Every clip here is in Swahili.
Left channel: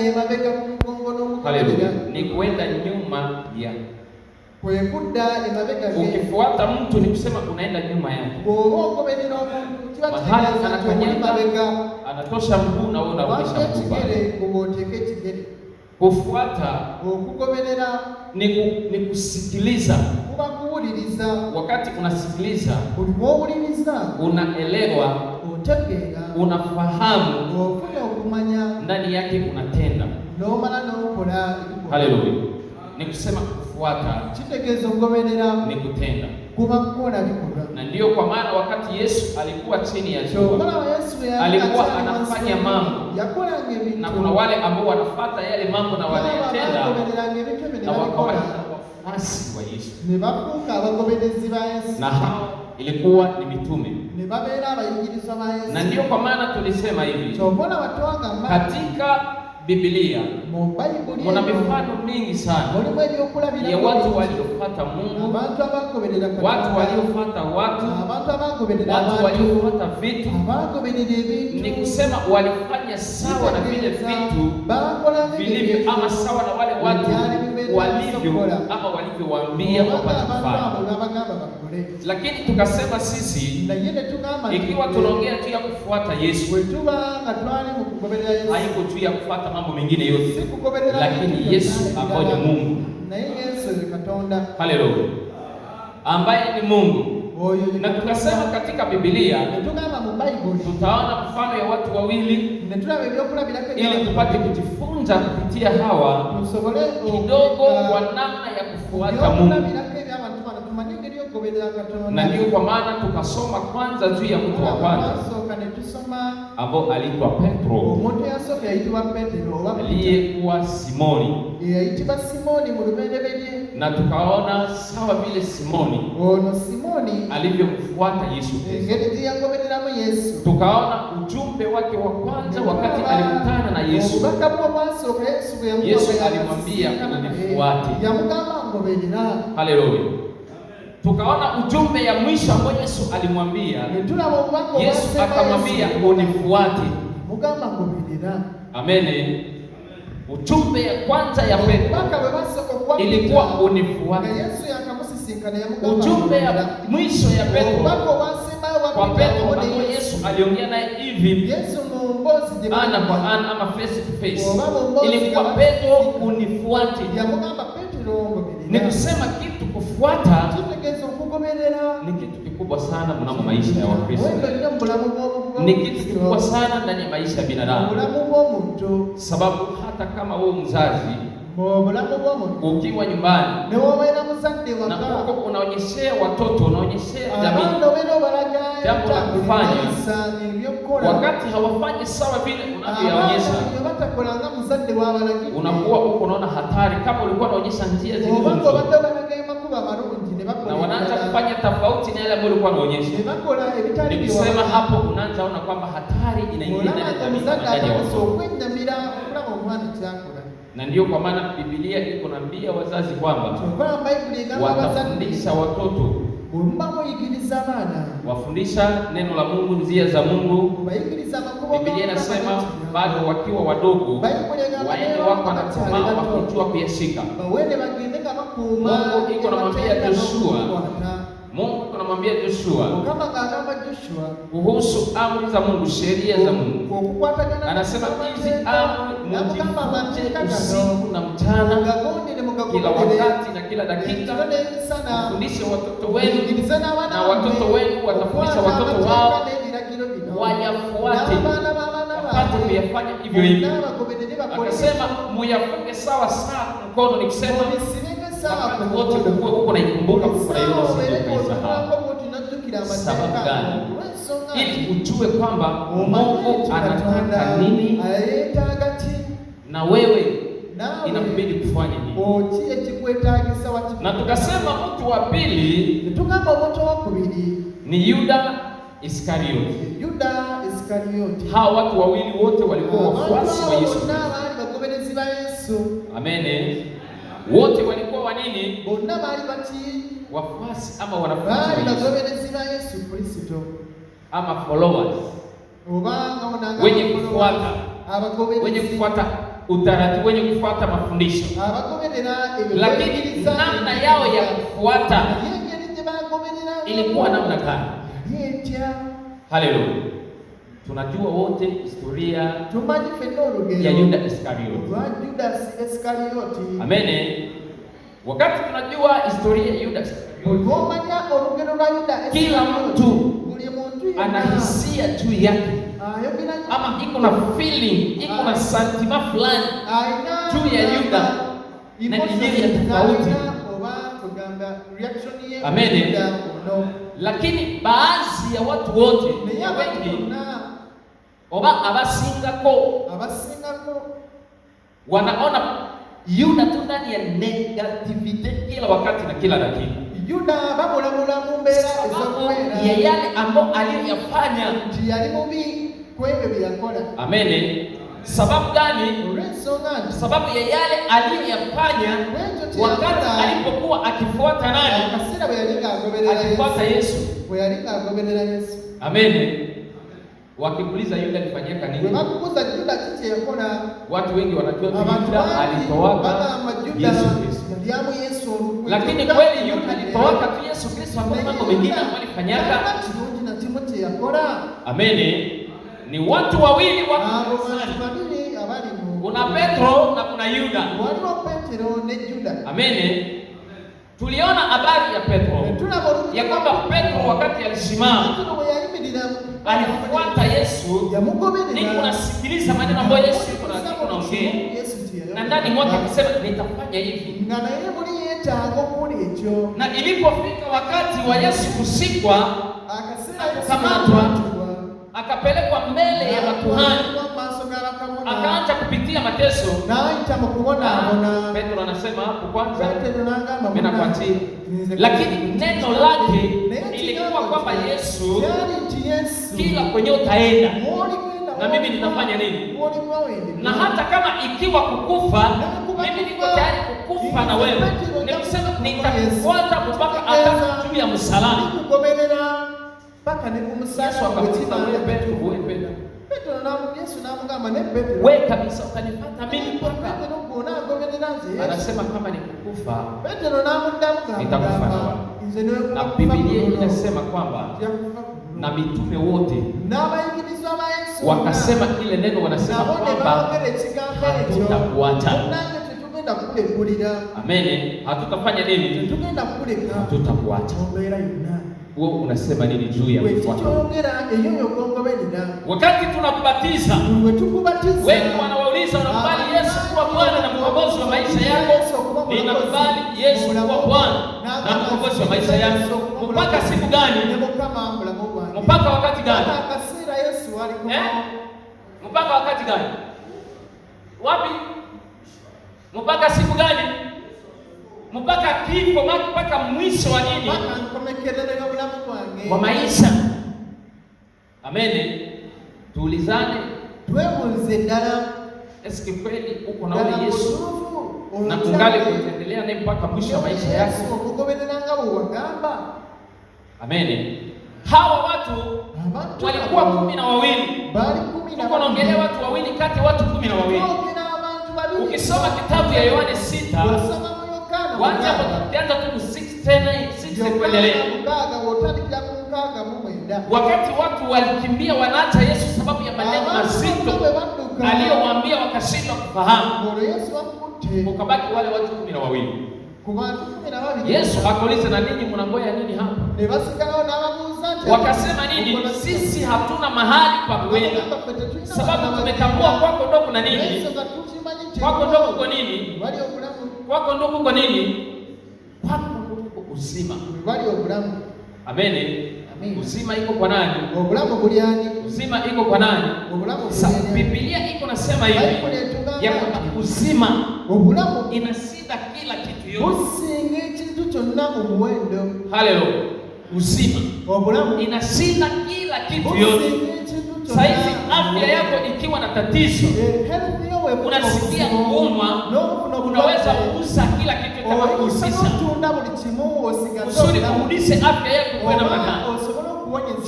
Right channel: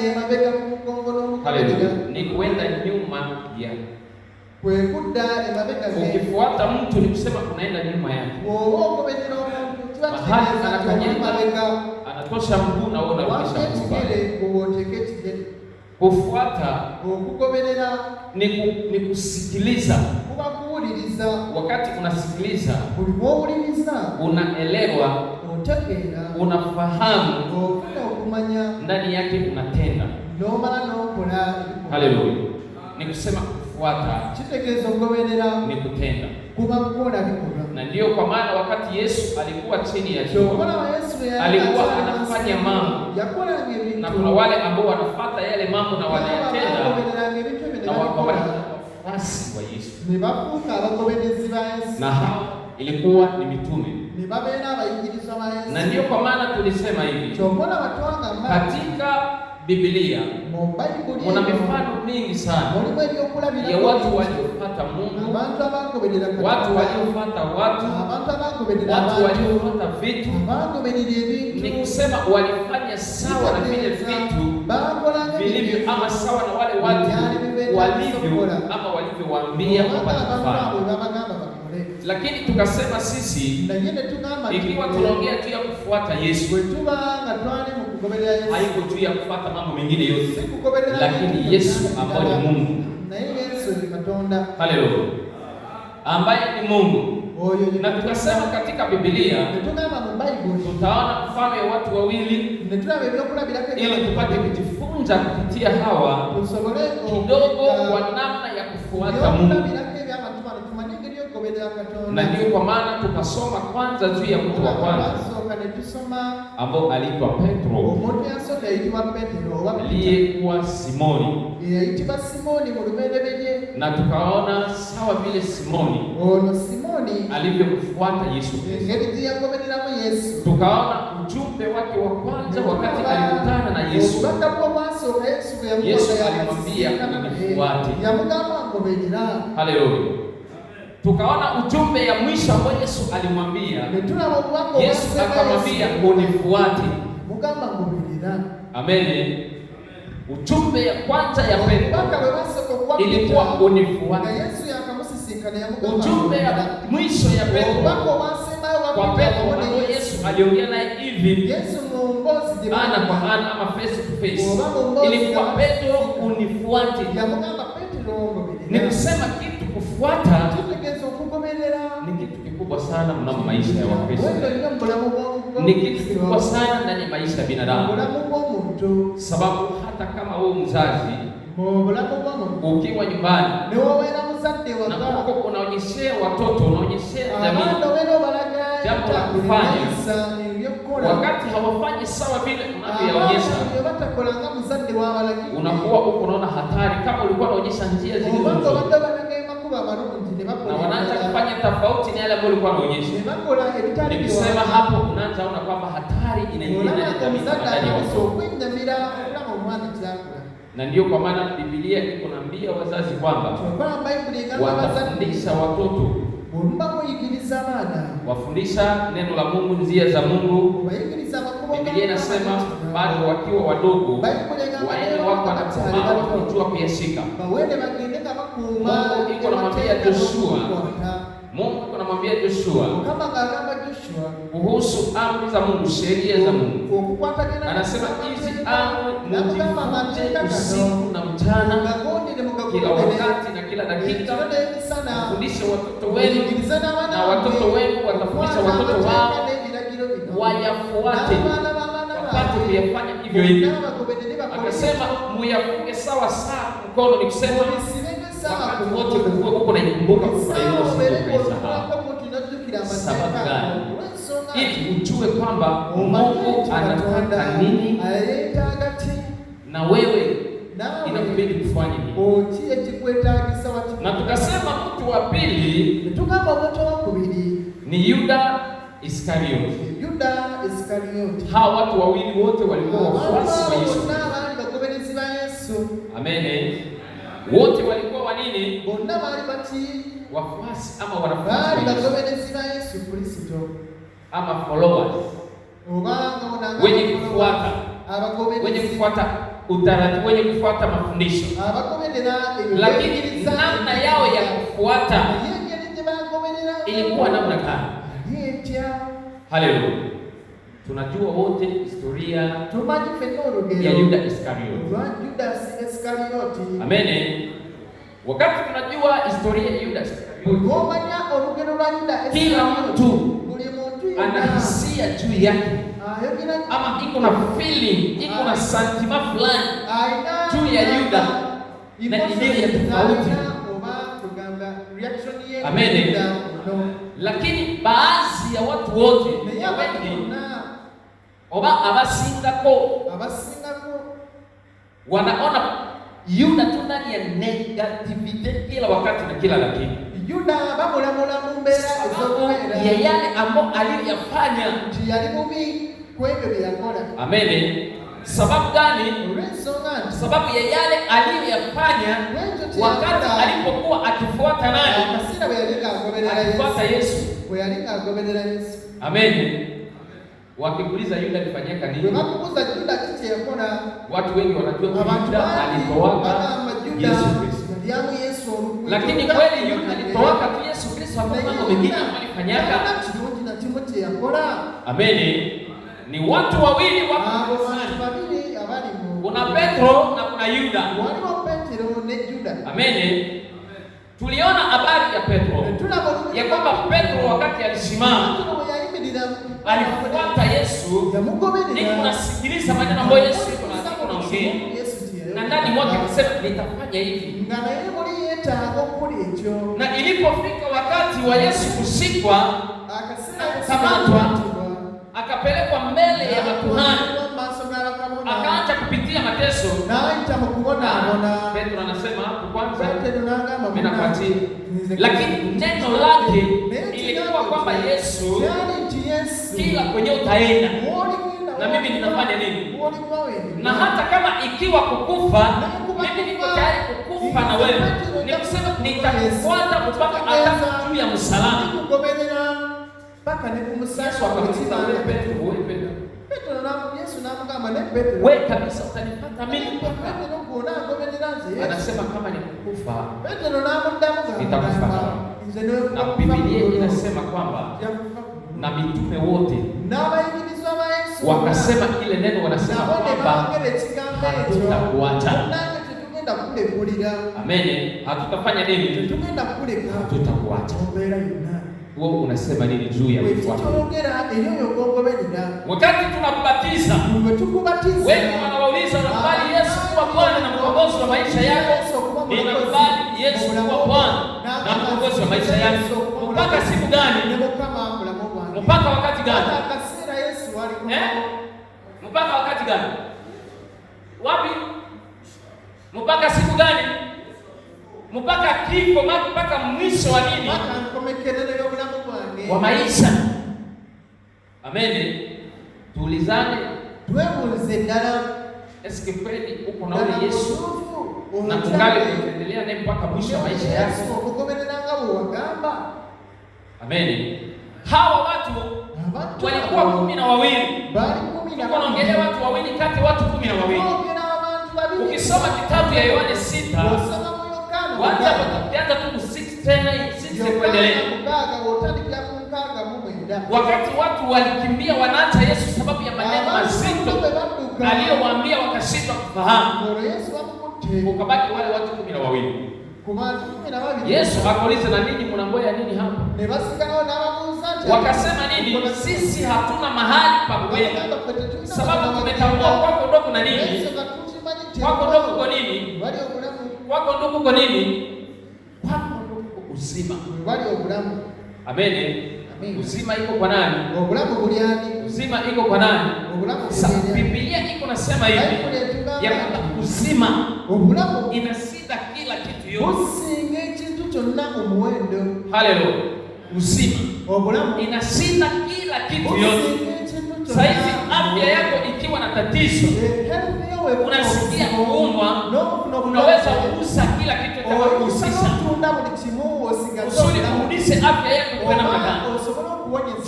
emabega ku mugongo Haleluya. Ni kwenda nyuma ya. Kwekudda emabega ge. Ukifuata mtu ni kusema unaenda nyuma yake. Okubendera omuntu kibategeeza anakanyanga anatosha mguu na wewe unarudisha mguu. Kufuata okugoberera ni kusikiliza. Kuba kuwuliriza. Wakati unasikiliza, uliwuliriza, unaelewa, otegeera, unafahamu, ofuna okumanya, ndani yake unatenda. Nomala n'okola. Haleluya. Ni kusema kufuata, kitegeeza okugoberera, ni kutenda. Kuba kukola bikolwa. Na ndio kwa maana wakati Yesu alikuwa chini ya jua, alikuwa anafanya mambo, na kuna wale ambao wanafuata yale mambo na wanayatenda, na wakawa wafuasi wa Yesu. Na hao ilikuwa ni mitume. Na ndio kwa maana tulisema hivi, katika Biblia kuna mifano mingi sana ya watu waliofuata Mungu, watu waliofuata watu waliofuata vitu. Ni kusema walifanya sawa na vile vitu vilivyo, ama sawa na wale watu walivyo, ama walivyowaambia wapate kufanya. Lakini tukasema sisi, ikiwa tunaongea juu ya kufuata Yesu, haiko juu ya kufuata mambo mengine yote, lakini Yesu ambaye ni Mungu. Haleluya. Ambaye ni Mungu. Na tukasema katika Biblia tutaona mfano ya watu wawili, ili tupate kujifunza kupitia hawa kidogo wa namna ya kufuata Mungu. Na ndio kwa maana tukasoma kwanza juu ya mtu wa kwanza ambao alikuwa Petro, aliyekuwa Simoni. Na tukaona sawa vile Simoni alivyomfuata Yesu Kristo. Tukaona ujumbe wake wa kwanza wakati alikutana na Yesu. Yesu alimwambia unifuate. Haleluya. Tukaona ujumbe ya mwisho ambao Yesu alimwambia. Yesu akamwambia unifuate. Amen. Ujumbe ya kwanza ya Petro ilikuwa unifuate. Ujumbe ya mwisho ya Petro kwa Petro ambao Yesu aliongea naye hivi ana kwa ana ama face to face, ilikuwa Petro unifuate. Ni kusema kitu kufuata ni kitu kikubwa sana mnamo maisha ya Wakristo. Ni kitu kikubwa sana ndani ya maisha ya binadamu. Sababu hata kama wewe mzazi ukiwa nyumbani na uko unaonyeshea watoto, unaonyeshea jamii jambo la kufanya, wakati hawafanyi sawa vile unavyoonyesha, unakuwa uko unaona hatari. Kama ulikuwa unaonyesha njia zile na wanaanza kufanya tofauti na yale ambayo ulikuwa unaonyesha, nikisema hapo unaanza kuona kwamba hatari inaingia ndani ya jamii ndani ya watoto. Na ndio kwa maana Biblia iko naambia wazazi kwamba watafundisha watoto, wafundisha neno la Mungu, njia za Mungu. Biblia inasema bado wakiwa wadogo waende wako na kusimama wakijua kuyashika. Mungu iko namwambia Joshua, kuhusu amri za Mungu, sheria za Mungu. Anasema hizi amri mzifundishe usiku na mchana, kila wakati na kila dakika. Fundishe watoto wenu na watoto wenu watafundisha watoto wao wayafuate, wapate kuyafanya hivyo hivyo. Akasema muyafunge sawa sawa mkono, ni kusema wakati wote uko naikumbuka kuisahau. Sababu gani? Ili ujue kwamba Mungu anataka nini na wewe inakubidi kufanya nini. Na tukasema mtu wa pili ni Yuda Iskarioti. Hawa watu wawili wote walikuwa wafuasi wa Yesu Kristo. Amen. Wote walikuwa wa nini? Wafuasi ama wanafunzi wa Yesu Kristo, ama followers, wenye kufuata utaratibu, wenye kufuata mafundisho, lakini namna yao ya kufuata ilikuwa namna gani? Haleluya. Tunajua wote historia ya Yuda Iskarioti. Amen. Wakati tunajua historia ya Yuda Iskarioti, kila mtu ana hisia juu yake, ama iko na feeling, iko na sentiment fulani juu ya Yuda na idea ya tofauti. Amen. Lakini baadhi ya watu wote wengi oba abasingako wanaona Yuda tu ndani ya negativity kila wakati na kila dakika. Yuda bamulamula mumbera ya yale ambayo aliyofanya Amen. Sababu gani? Sababu ya yale aliyofanya wakati alipokuwa akifuata nani? Akifuata Yesu. Amen. Wakikuuliza Yuda alifanyika nini? Watu wengi wanajua Yuda alitoaka Yesu Kristo. Lakini kweli Yuda alitoka tu Yesu Kristo, mambo mengine walifanyaka. Amen. Ni watu wawili wako kuna Petro na kuna Yuda. Amen. Tuliona habari ya Petro ya kwamba Petro wakati alisimama alifuata Yesu, ni kunasikiliza maneno ambayo Yesu anaongea, na ndani mwake akasema nitafanya hivi. Na ilipofika wakati wa Yesu kushikwa, akamatwa, akapelekwa mbele ya makuhani, akaacha kupitia mateso. Petro anasema kwanza mimi napatia, lakini neno lake ilikuwa kwamba Yesu, kila kwenye utaenda na mimi nitafanya nini, na hata kama ikiwa kukufa, mimi niko tayari kukufa na wewe. Nikusema nitakufuata mpaka hata juu ya msalaba. Yesu akamwita wewe Petro, wewe Petro. Wewe kabisa utanifuata mimi. Anasema kama ni kukufa nitakufa. Na Biblia inasema kwamba na mitume wote wakasema ile neno, wanasema kwamba hatutakuacha. Amen. Hatutafanya nini? Hatutakuacha. Wewe unasema nini juu ya watu? Wakati tunakubatiza, wengi wanauliza unakubali Yesu kuwa Bwana na mkombozi wa maisha yako? Ninakubali Yesu kuwa Bwana na mkombozi wa maisha yako. Mpaka siku gani? Mpaka wakati gani? Mpaka wakati gani? Wapi? Mpaka siku gani? Mpaka kifo, mpaka mwisho wa nini? Kwa maisha. Amen. Tuulizane, eske kweli uko na Yesu na tungali kuendelea naye mpaka mwisho wa maisha yako? Amen. Hawa watu walikuwa 12. Tuko naongelea watu wawili kati watu 12. Ukisoma kitabu ya Yohana 6, watu tu 6 kuendelea. Wakati watu walikimbia wanaacha Yesu sababu ya maneno mazito aliyowaambia, wakashindwa kufahamu, ukabaki wale watu 12. Yesu akauliza, na ninyi mnangoja nini hapa? Wakasema nini? Sisi hatuna mahali pa kwenda, sababu tumetambua kwako ndogo na nini? Kwako ndogo kwa nini? Kwako ndogo kwa nini? Kwako ndogo uzima. Amen. Uzima iko kwa nani? Uzima iko kwa nani? Sasa Biblia iko nasema hivi ya kwamba uzima inashinda kila kitu yote. Haleluya. Uzima inashinda kila kitu yote. Saizi afya yako ikiwa na tatizo, unasikia kuumwa, unaweza kugusa kila kitu kitakachohusisha usudi kurudisha afya yako kwa namna gani?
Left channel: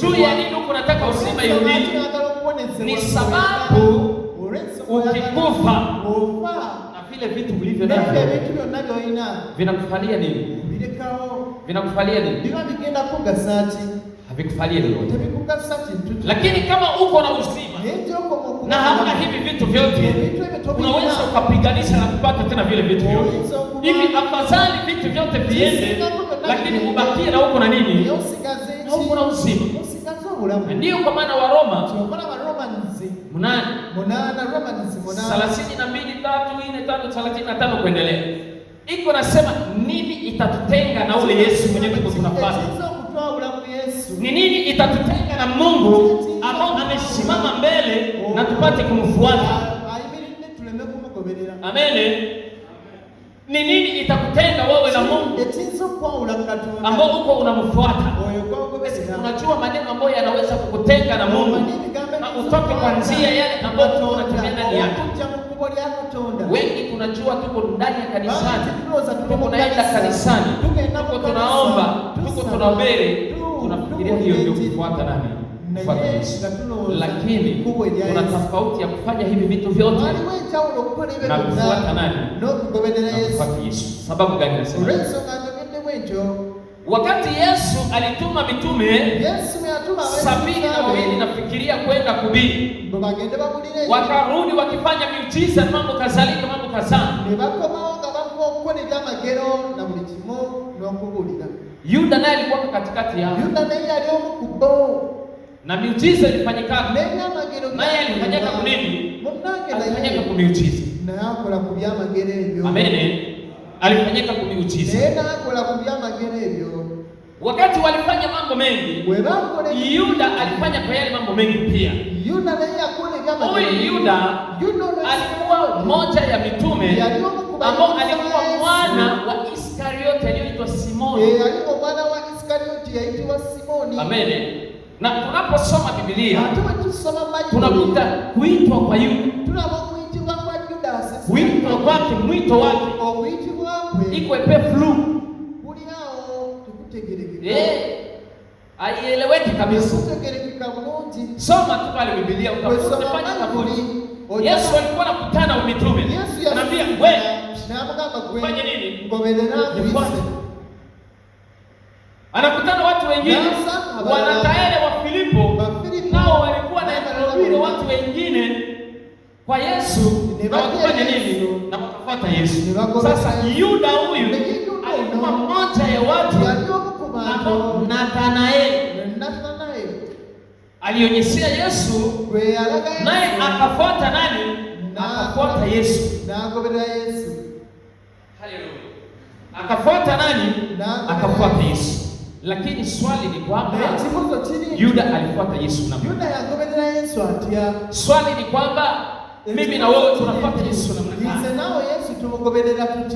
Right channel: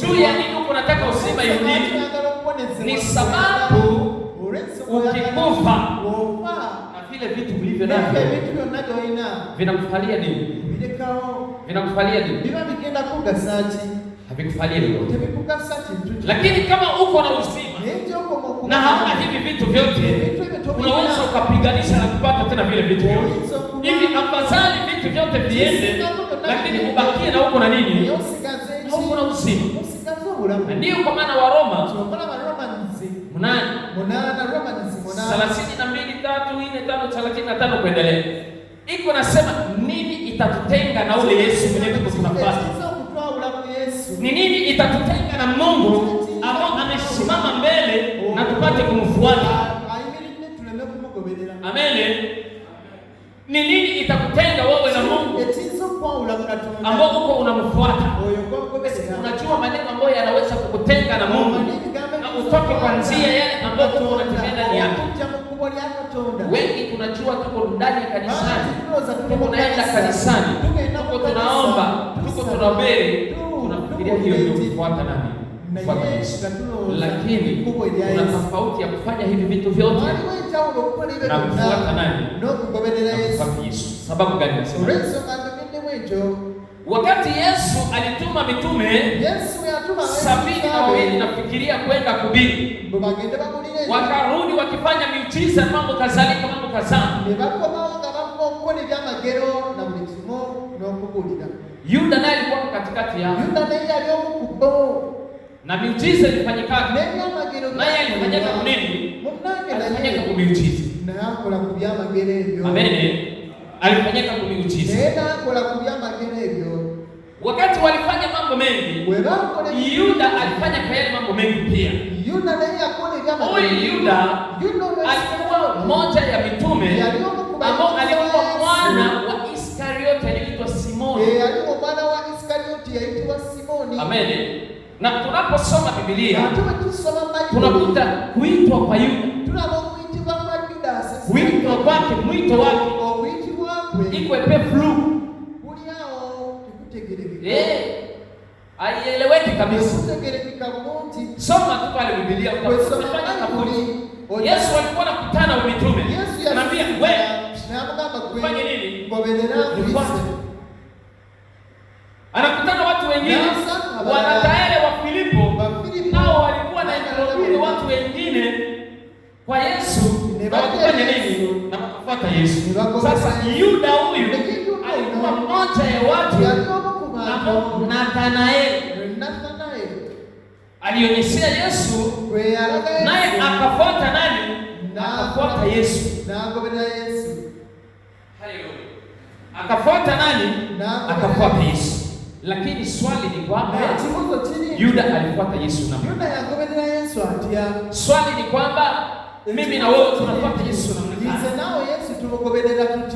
Juu ya nini unataka uzima irudi? Ni sababu ukikufa vile vitu vilivyo navyo vinakufalia nini? Vinakufalia nini? Havikufalia nini? Lakini kama uko na uzima na hauna hivi vitu vyote, unaweza ukapiganisha na kupata tena vile vitu vyote. Hivi afadhali vitu vyote viende, lakini ubakie na uko na nini? Uko na uzima. Ndio kwa maana wa Roma 32:3-4-5 kuendelea iko nasema, nini itatutenga na ule Yesu mwenyewe tunapata? Ni nini itatutenga na Mungu ambao amesimama mbele na tupate kumfuata? Amen. Ni nini itakutenga wewe na Mungu ambao uko unamfuata? Unajua maneno ambayo yanaweza kukutenga na Mungu na utoke kwa njia yale ambayo unatembea ndani yake. Wengi tunajua tuko ndani ya kanisani, tuko naenda kanisani, tuko tunaomba, tuko tunahubiri, tunafikiria hiyo ndio kufuata nani? Lakini kuna tofauti ya kufanya hivi vitu vyote na kufuata nani? Yesu. Sababu gani nasema? Wakati Yesu alituma mitume 72 nafikiria kwenda kuhubiri, wakarudi wakifanya miujiza, mambo kadhalika, mambo kadhaa. Yuda naye alikuwa katikati yao, na miujiza ilifanyika. Naye alifanyika kwa nini? Alifanyika kwa miujiza. Amen. Alifanyika kwa miujiza. Wakati walifanya mambo mengi, Yuda alifanya kwa yale mambo mengi pia. Huyu Yuda alikuwa mmoja ya mitume ambao alikuwa mwana wa Iskariote aliitwa Simoni. Amen. Na tunaposoma Biblia tunakuta kuitwa kwa Yuda, kuitwa kwake, mwito wake iko epeflu, aieleweki kabisa. Soma tu pale Biblia utafanya kaburi. Yesu alikuwa anakutana na mitume, anambia wewe fanye nini? Anakutana watu wengine wanataele wa Filipo, nao walikuwa na injili watu wengine kwa Yesu, na wakafanya nini? Na wakafuata Yesu. Sasa Yuda huyu alikuwa mmoja ya watu na Nathanaeli alionyeshia Yesu, naye akafuata nani? Akafuata Yesu. Haleluya. Akafuata nani? Akafuata Yesu. Lakini swali ni kwamba Yuda alifuata Yesu na swali ni kwamba mimi na wewe tunafuata Yesu namna gani?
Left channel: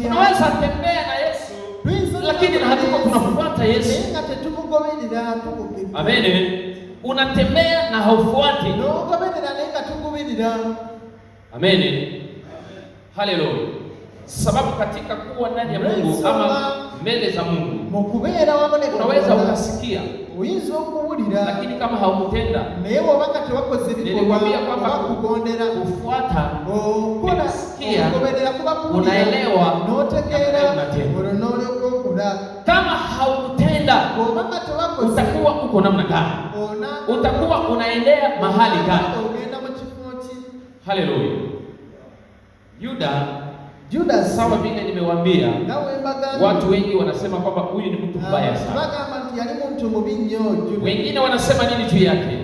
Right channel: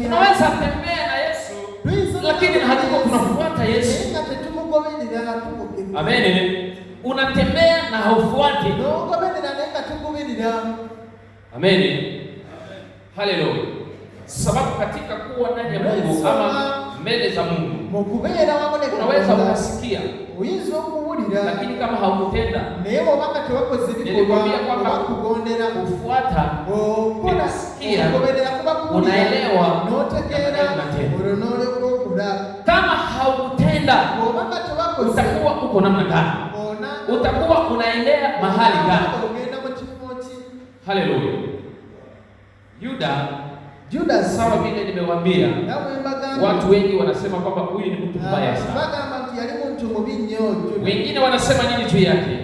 Tunaweza tembea na Yesu lakini hatuko tunafuata Yesu. Amen. Unatembea na haufuati. Amen. Haleluya. Sababu katika kuwa ndani ya Mungu ama mbele za Mungu unaweza ukasikia, lakini kama haukutenda, nilikwambia kwamba kufuata, kusikia, unaelewa, kama haukutenda utakuwa uko namna gani? Utakuwa unaendea mahali gani? Haleluya. Yuda sawa vile nimewaambia, watu wengi wanasema kwamba huyu ni mtu mbaya sana. Wengine wanasema nini juu yake?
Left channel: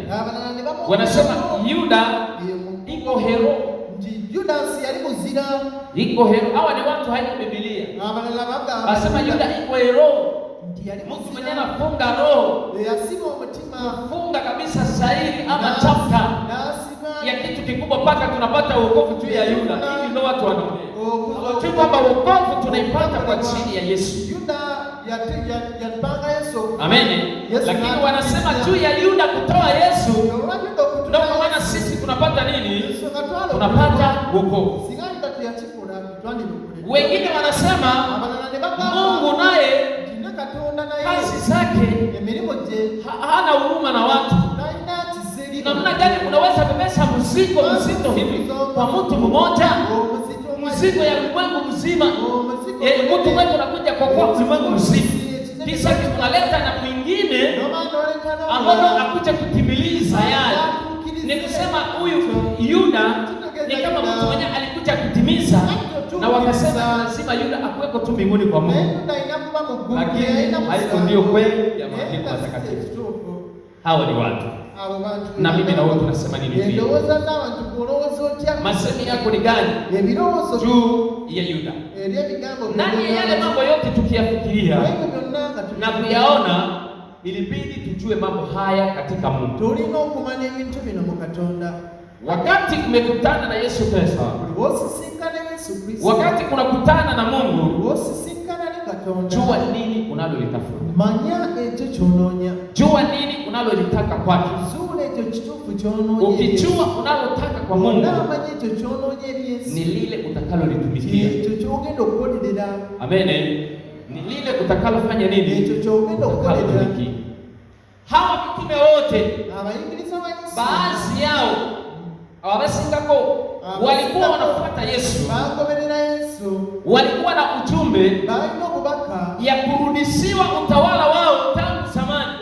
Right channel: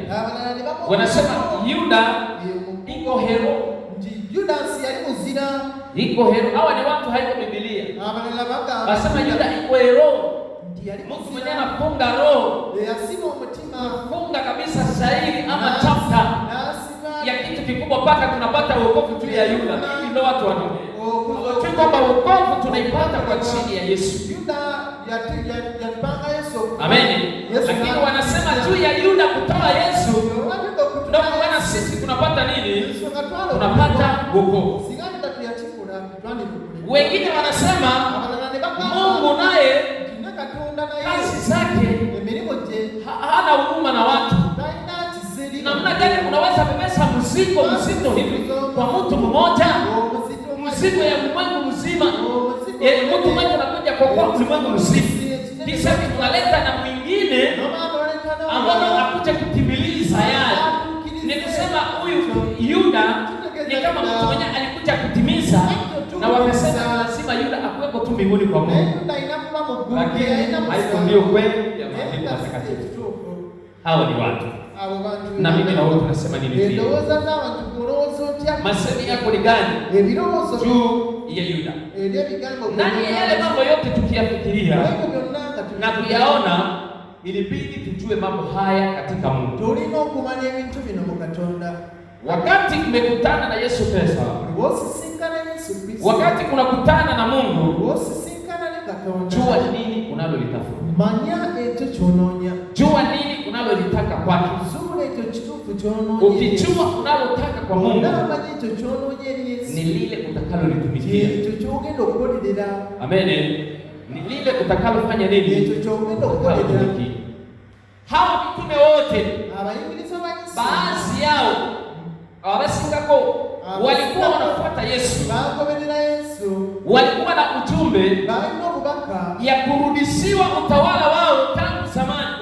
Wanasema Yuda iko hero. Iko hero. Hawa ni watu haiko Biblia. Wanasema Yuda iko hero. Mungu mwenyewe anafunga roho. Funga kabisa shairi ama chapter ya kitu kikubwa mpaka tunapata wokovu juu ya Yuda. Hivi ndio watu wanaona. Hawajui kwamba wokovu tunaipata kwa chini ya Yesu. Amen. Lakini wanasema juu ya Yuda kutoa Yesu, ndio maana sisi tunapata nini? Tunapata wokovu. Wengine wanasema Mungu naye kazi zake hana huruma na watu. Namna gani unaweza kubeba mzigo mzito hivi kwa mtu mmoja? Mzigo ya ulimwengu mzima. Mtu mmoja anakuja kwa ulimwengu mzima. Kisha tunaleta na mwingine ambao anakuja kutimiliza yale. Ni kusema huyu Yuda ni kama mtu mwenye alikuja kutimiza, na wakasema lazima Yuda akuweko tu mbinguni kwa Mungu. Lakini haiko ndio kweli ya maandiko matakatifu. Hao ni watu. Na mimi na wewe tunasema nini hivi? Masemi yako ni gani? Juu ya Yuda. Ndani ya yale mambo yote tukiyafikiria na kuyaona, ilibidi tujue mambo haya katika Mungu. Wakati umekutana na Yesu Kristo, wakati unakutana na Mungu, jua nini unalolitafuta. Jua nini unalolitaka kwake. Ukijua unalotaka kwa Mungu, ni lile utakalolitumikia. Amen. Ni lile utakalofanya nini? Utakalolitumikia. Hawa mitume wote, baadhi yao abasingako walikuwa wanafuata Yesu. Walikuwa na ujumbe ya kurudishiwa utawala wao tangu zamani.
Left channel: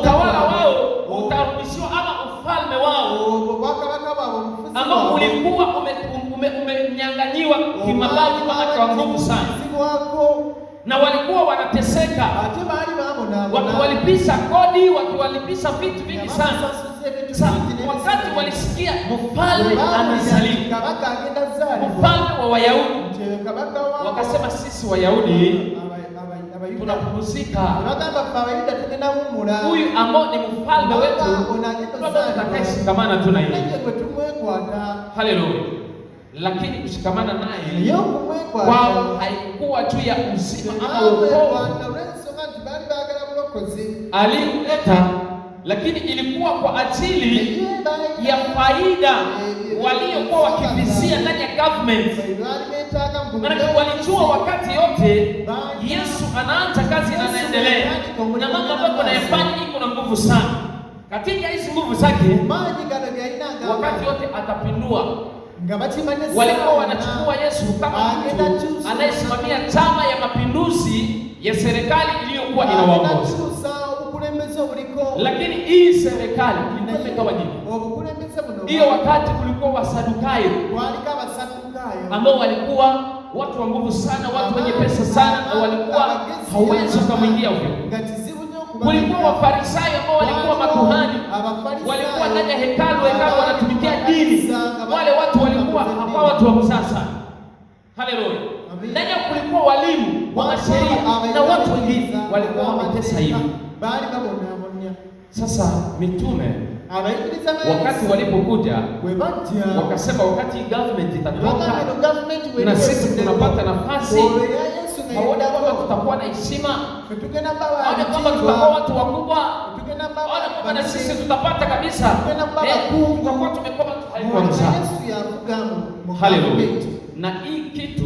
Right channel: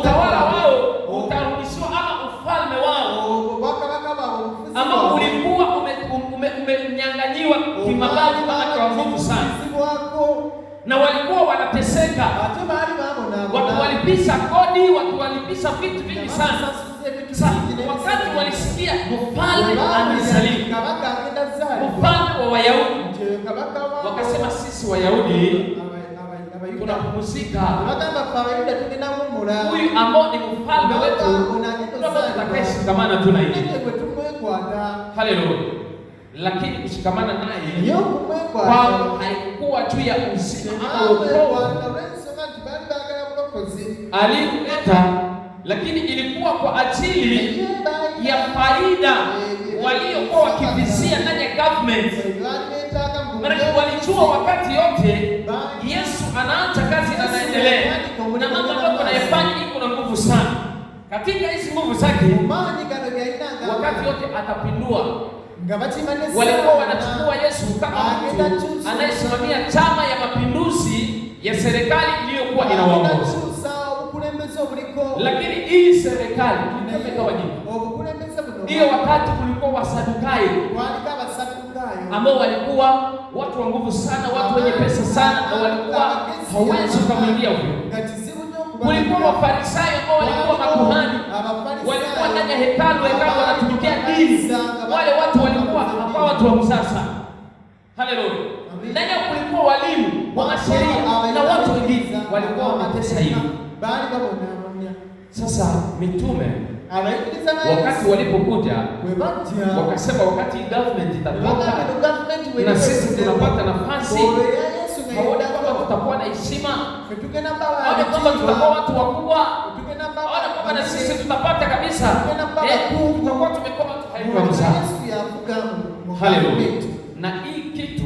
Utawala wao utarudishiwa, ama ufalme wao ama ulikuwa umenyang'anyiwa kimabavu kwa nguvu sana, na walikuwa wanateseka, wakiwalipisha kodi, wakiwalipisha vitu vingi sana. Wakati walisikia mfalme amezaliwa, mfalme wa Wayahudi, wakasema sisi Wayahudi tunapumzika, huyu ambao ni mfalme wetu tutakayeshikamana tu na yeye. Haleluya! Lakini kushikamana naye kwao haikuwa juu ya uzima ama wokovu aliyoleta, lakini ilikuwa kwa ajili ya faida waliokuwa wakivizia ndani ya government. Maana walijua wakati yote Yesu anaanza kazi na anaendelea, na mambo ambayo anayafanya iko na nguvu sana. Katika hizo nguvu zake, wakati yote atapindua. Walikuwa wanachukua Yesu kama mtu anayesimamia chama ya mapinduzi ya serikali iliyokuwa inawaongoza. Lakini hii serikali imegawanyika. Hiyo wakati kulikuwa Wasadukayo ambao walikuwa watu wa nguvu sana, watu wenye pesa sana, na walikuwa hawezi kumwingia huyo. Kulikuwa Wafarisayo ambao walikuwa makuhani, walikuwa ndani ya hekalu wanatumikia dini. Wale watu walikuwa hapa watu wa msasa. Haleluya! Ndani kulikuwa walimu wa sheria na watu wengine walikuwa wametesa hiyo. Sasa mitume wakati walipokuja wakasema, wakati government itatoka na sisi tunapata nafasi, waona kwamba tutakuwa na heshima, waona kwamba tutakuwa watu wakubwa, waona kwamba na sisi tutapata kabisa, tutakuwa tumekuwa watu haikuwa sana. Haleluya! Na hii kitu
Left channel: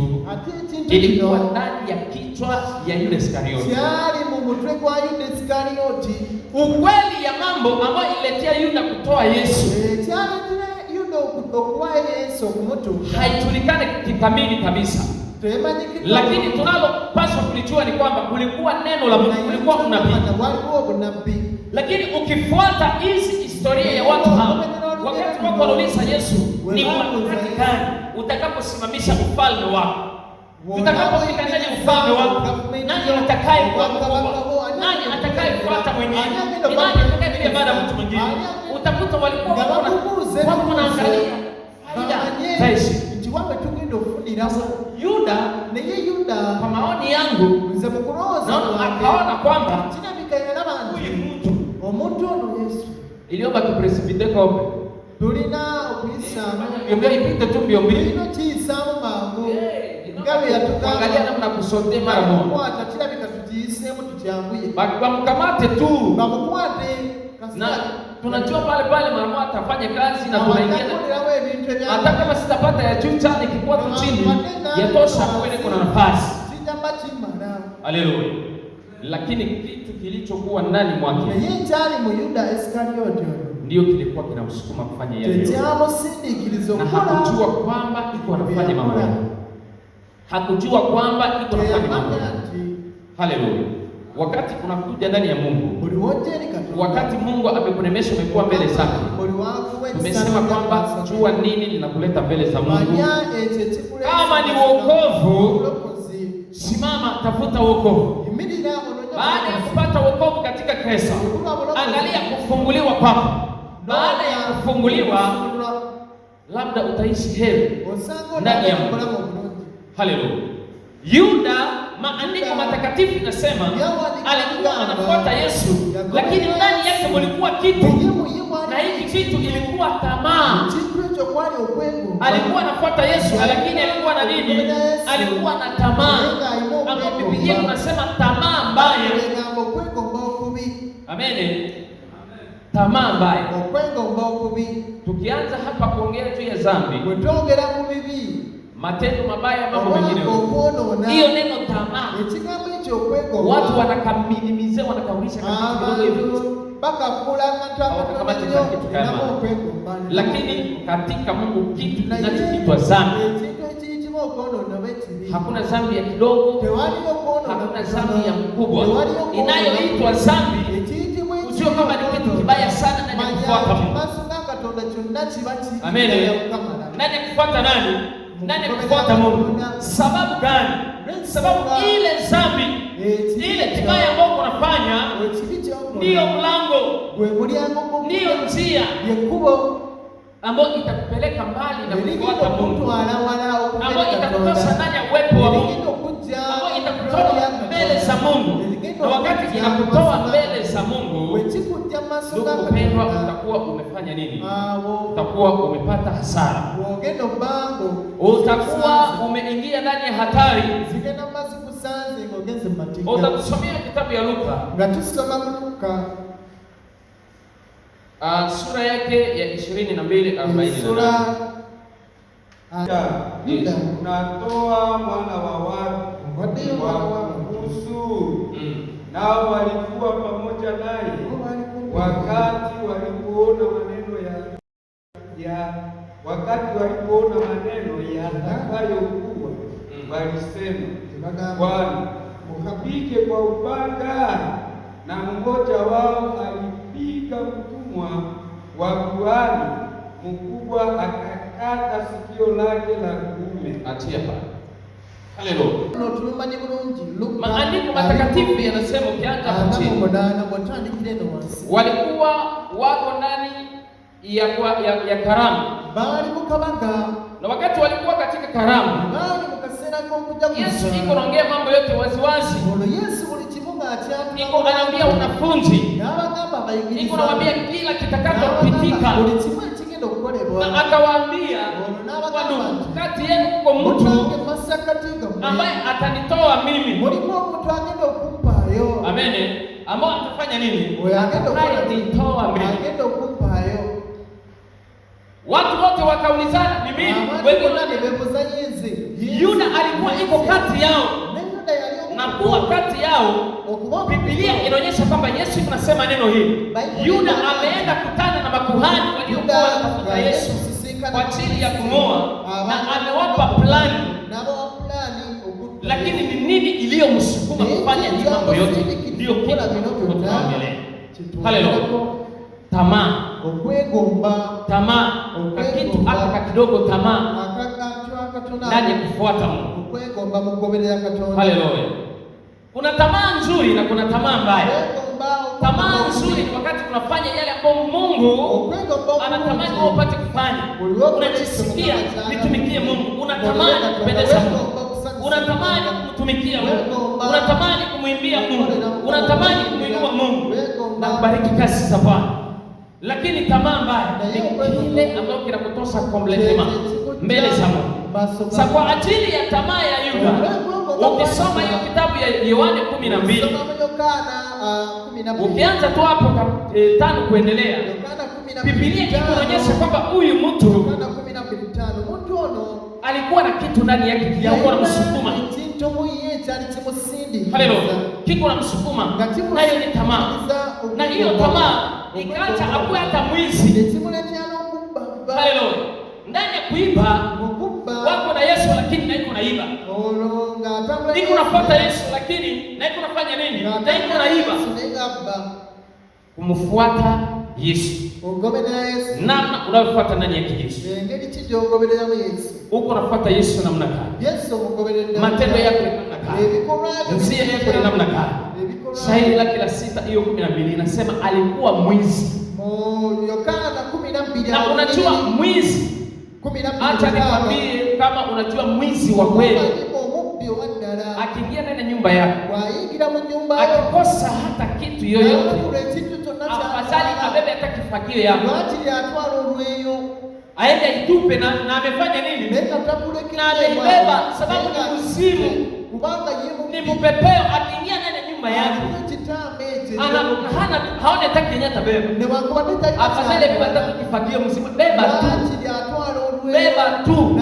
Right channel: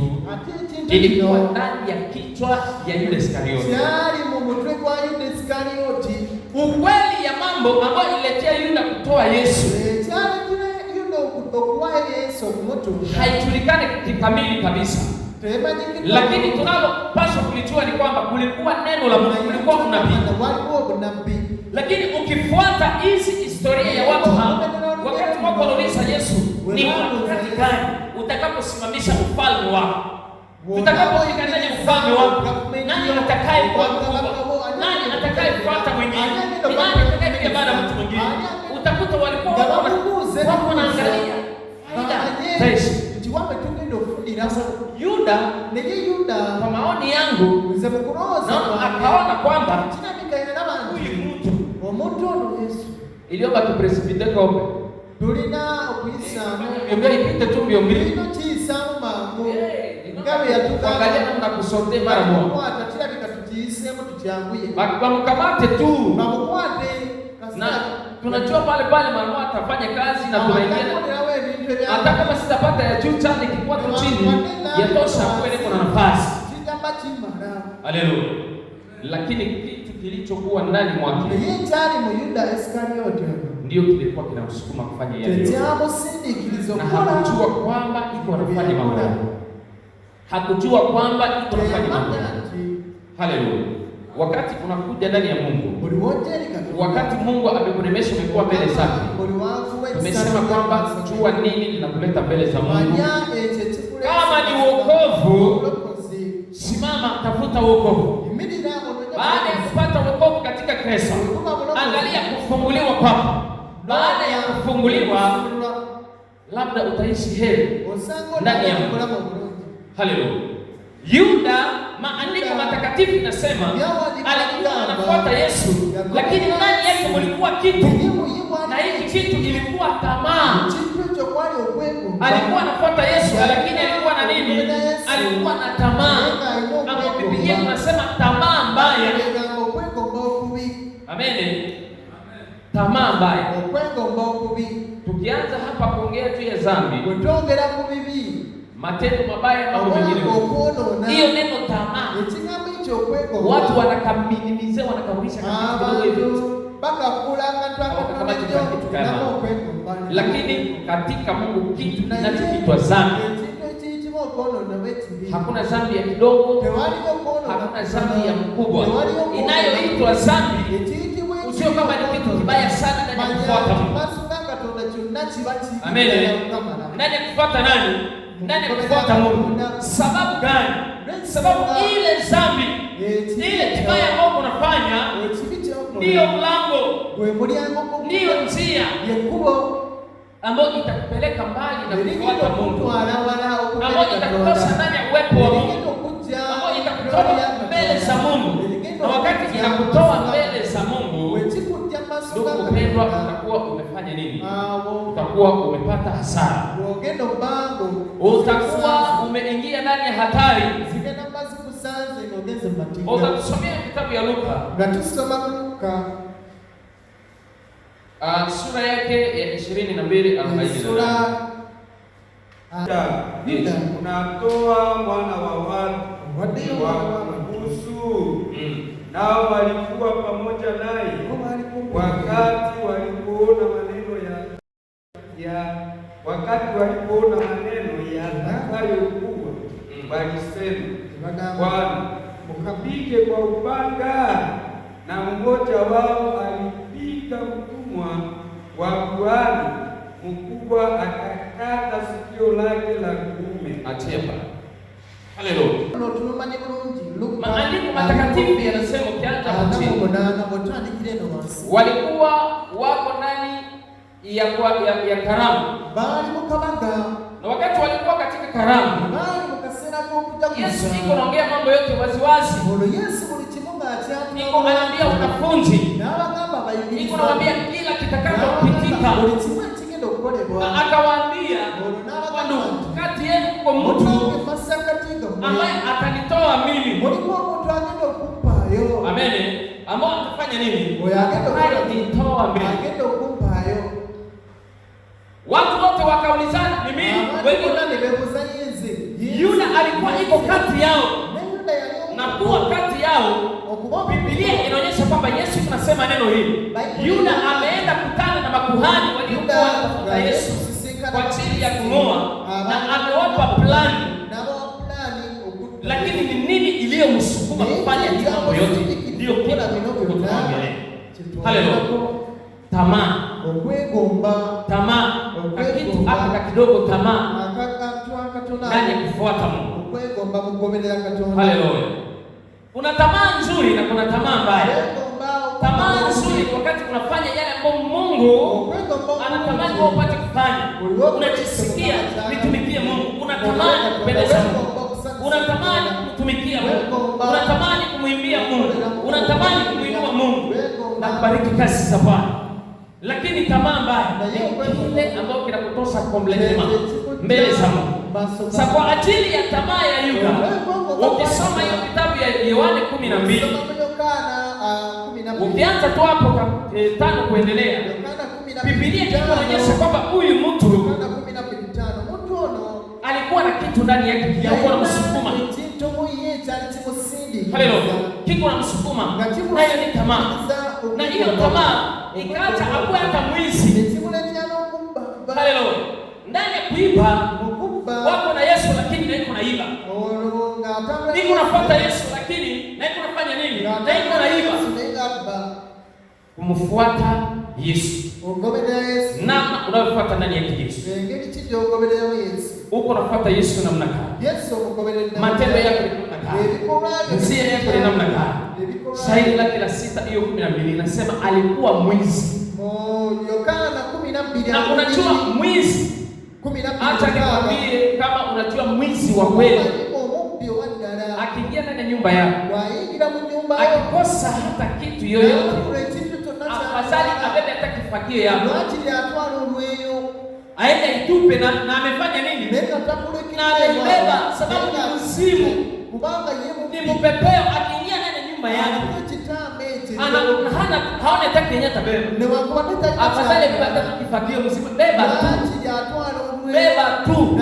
ilikuwa ndani ya kichwa ya Yuda Iskarioti. Ukweli ya mambo ambayo ililetea Yuda kutoa Yesu haijulikani kikamili kabisa, lakini tunalopaswa kulijua ni kwamba kulikuwa neno la Mungu, kulikuwa unabii. Lakini ukifuata hizi historia ya watu hao, wakati wako wanauliza Yesu, ni wakati gani utakaposimamisha ufalme wako? Tutakapofika ndani ya ufalme wako, nani atakaye kuwa mkubwa? Nani atakayefuata mwingine? Ni nani atakayepiga baada ya mtu mwingine? Utakuta walikuwa wanaangalia faida. Yuda kwa maoni yangu akaona kwamba huyu mtu iliomba tupresibite kope fanya ipite tu mbio. Angalia namna kusote mara moja. Bakamkamate tu. Na tunajua pale mama atafanya kazi na tunaingia. Hata kama sitapata ya juu chani kikuwa tu chini, yatosha kweli kuna nafasi. Haleluya. Lakini kitu kilichokuwa ndani mwake ndio kilikuwa kinamsukuma kufanya yale. Na hakujua kwamba iko anafanya mambo yake. Hakujua kwamba iko anafanya mambo yake. Haleluya. Wakati unakuja ndani ya Mungu, wakati Mungu amekuremesha umekuwa mbele zake, umesema kwamba jua nini linakuleta mbele za Mungu. Kama ni wokovu, simama tafuta wokovu. Baada ya kupata wokovu katika Kristo, angalia kufunguliwa kwako. Baada ya kufunguliwa, labda utaishi heri ndani ya Mungu. Haleluya. Yuda, maandiko matakatifu inasema alikuwa anafuata Yesu, lakini ndani yake kulikuwa kitu, na hiki kitu kilikuwa tamaa. Alikuwa anafuata Yesu, lakini alikuwa na nini? Alikuwa na tamaa. Hapo Biblia inasema tamaa mbaya. Amen. Tamaa mbaya. Tukianza hapa kuongea juu ya dhambi, matendo mabaya, mambo mengine, hiyo neno tamaa, watu wanakamilizia, wanakarudisha kama hivi kama kitu kana. Lakini katika Mungu kitu kinachoitwa dhambi, hakuna dhambi ya kidogo, hakuna dhambi ya mkubwa. Inayoitwa dhambi sio kama ni kitu kibaya sana na kufuata Mungu. Amen. Nani kufuata nani? Nani kufuata Mungu? Sababu gani? Sababu ile dhambi, ile kibaya ambayo unafanya ndio mlango, ndio njia ambayo itakupeleka mbali na kufuata Mungu, ambayo itakutosha ndani ya uwepo wa Mungu, ambayo itakutoa mbele za Mungu. Na wakati inakutoa mbele za Mungu, ndugu mpendwa, utakuwa umefanya nini? Utakuwa umepata hasara, utakuwa umeingia ndani ya hatari. Utatusomea kitabu ya Luka, sura yake ya 22:40. Unatoa mwana wa watu wa kuhusu, nao walikuwa pamoja naye wakati walipoona maneno yatakayokuwa, walisema, Bwana, mkapige kwa upanga. Na mmoja wao alipiga mtumwa wa kuhani mkubwa, akakata sikio lake la kuume. Achia pale. Haleluya. Maandiko matakatifu yanasema, ukianza hapo walikuwa wako ndani ya karamu, na wakati walikuwa katika karamu, Yesu iko anaongea mambo yote waziwazi. Iko anaambia wanafunzi, iko anaambia kila kitakachopitika, na akawaambia, kati yenu kwa mtu ambaye atanitoa mimi. Amen. Ambao atafanya nini? Atanitoa mimi. Watu wote wakaulizana, ni mimi? Yuda alikuwa iko kati yao, na kuwa kati yao, Biblia inaonyesha kwamba Yesu tunasema neno hili, Yuda ameenda kutana na makuhani waliokuwa wanatafuta Yesu kwa ajili ya kumoa, na amewapa plani. Lakini ni nini iliyomsukuma kufanya hiyo mambo yote? Ndio kitu tunaongelea. Haleluya. Tamaa. Tamaa. Kitu hapa kidogo, tamaa ndani ya kufuata Mungu. Haleluya. Kuna tamaa nzuri na kuna tamaa mbaya. Tamaa nzuri wakati unafanya yale ambayo Mungu anatamani upate kufanya. Unajisikia nitumikie Mungu, unatamani kupendeza Mungu, unatamani kutumikia Mungu, unatamani kumwimbia Mungu, unatamani kumwinua Mungu na kubariki kazi za Bwana. Lakini tamaa mbaya ni kile ambacho kinakutosha completely mbele za Mungu. Sasa kwa ajili ya tamaa ya Yuda, ukisoma hiyo kitabu ya Yohana 12, ukianza tu hapo 5 kuendelea, Biblia inaonyesha kwamba huyu mtu alikuwa na kitu ndani yake kilikuwa msukuma. Haleluya. Kiko na msukuma, nayo ni tamaa. Na hiyo tamaa ikaacha akuwe hata mwizi. Haleluya. Ndani ya kuiba wako na Yesu lakini na iko naiba. Niko nafuata Yesu lakini na iko nafanya nini? Na iko naiba. Kumfuata Yesu. Namna unayofuata ndani ya Yesu. Uko unafuata Yesu namna gani? Matendo yako ni namna gani? Njia yako ni namna gani? Shahidi la kila 6 hiyo 12 inasema alikuwa mwizi. Na unajua mwizi, acha nikwambie, kama unajua mwizi wa kweli akiingia ndani ya nyumba yako akikosa hata kitu yoyote, afadhali abebe hata kifagio yako aende itupe, na amefanya nini? Na amebeba, sababu ni mzimu, ni mpepeo. Akiingia ndani ya nyumba yako haona hata kinyata atabeba, afadhali abebe hata kifagio mzimu, beba tu.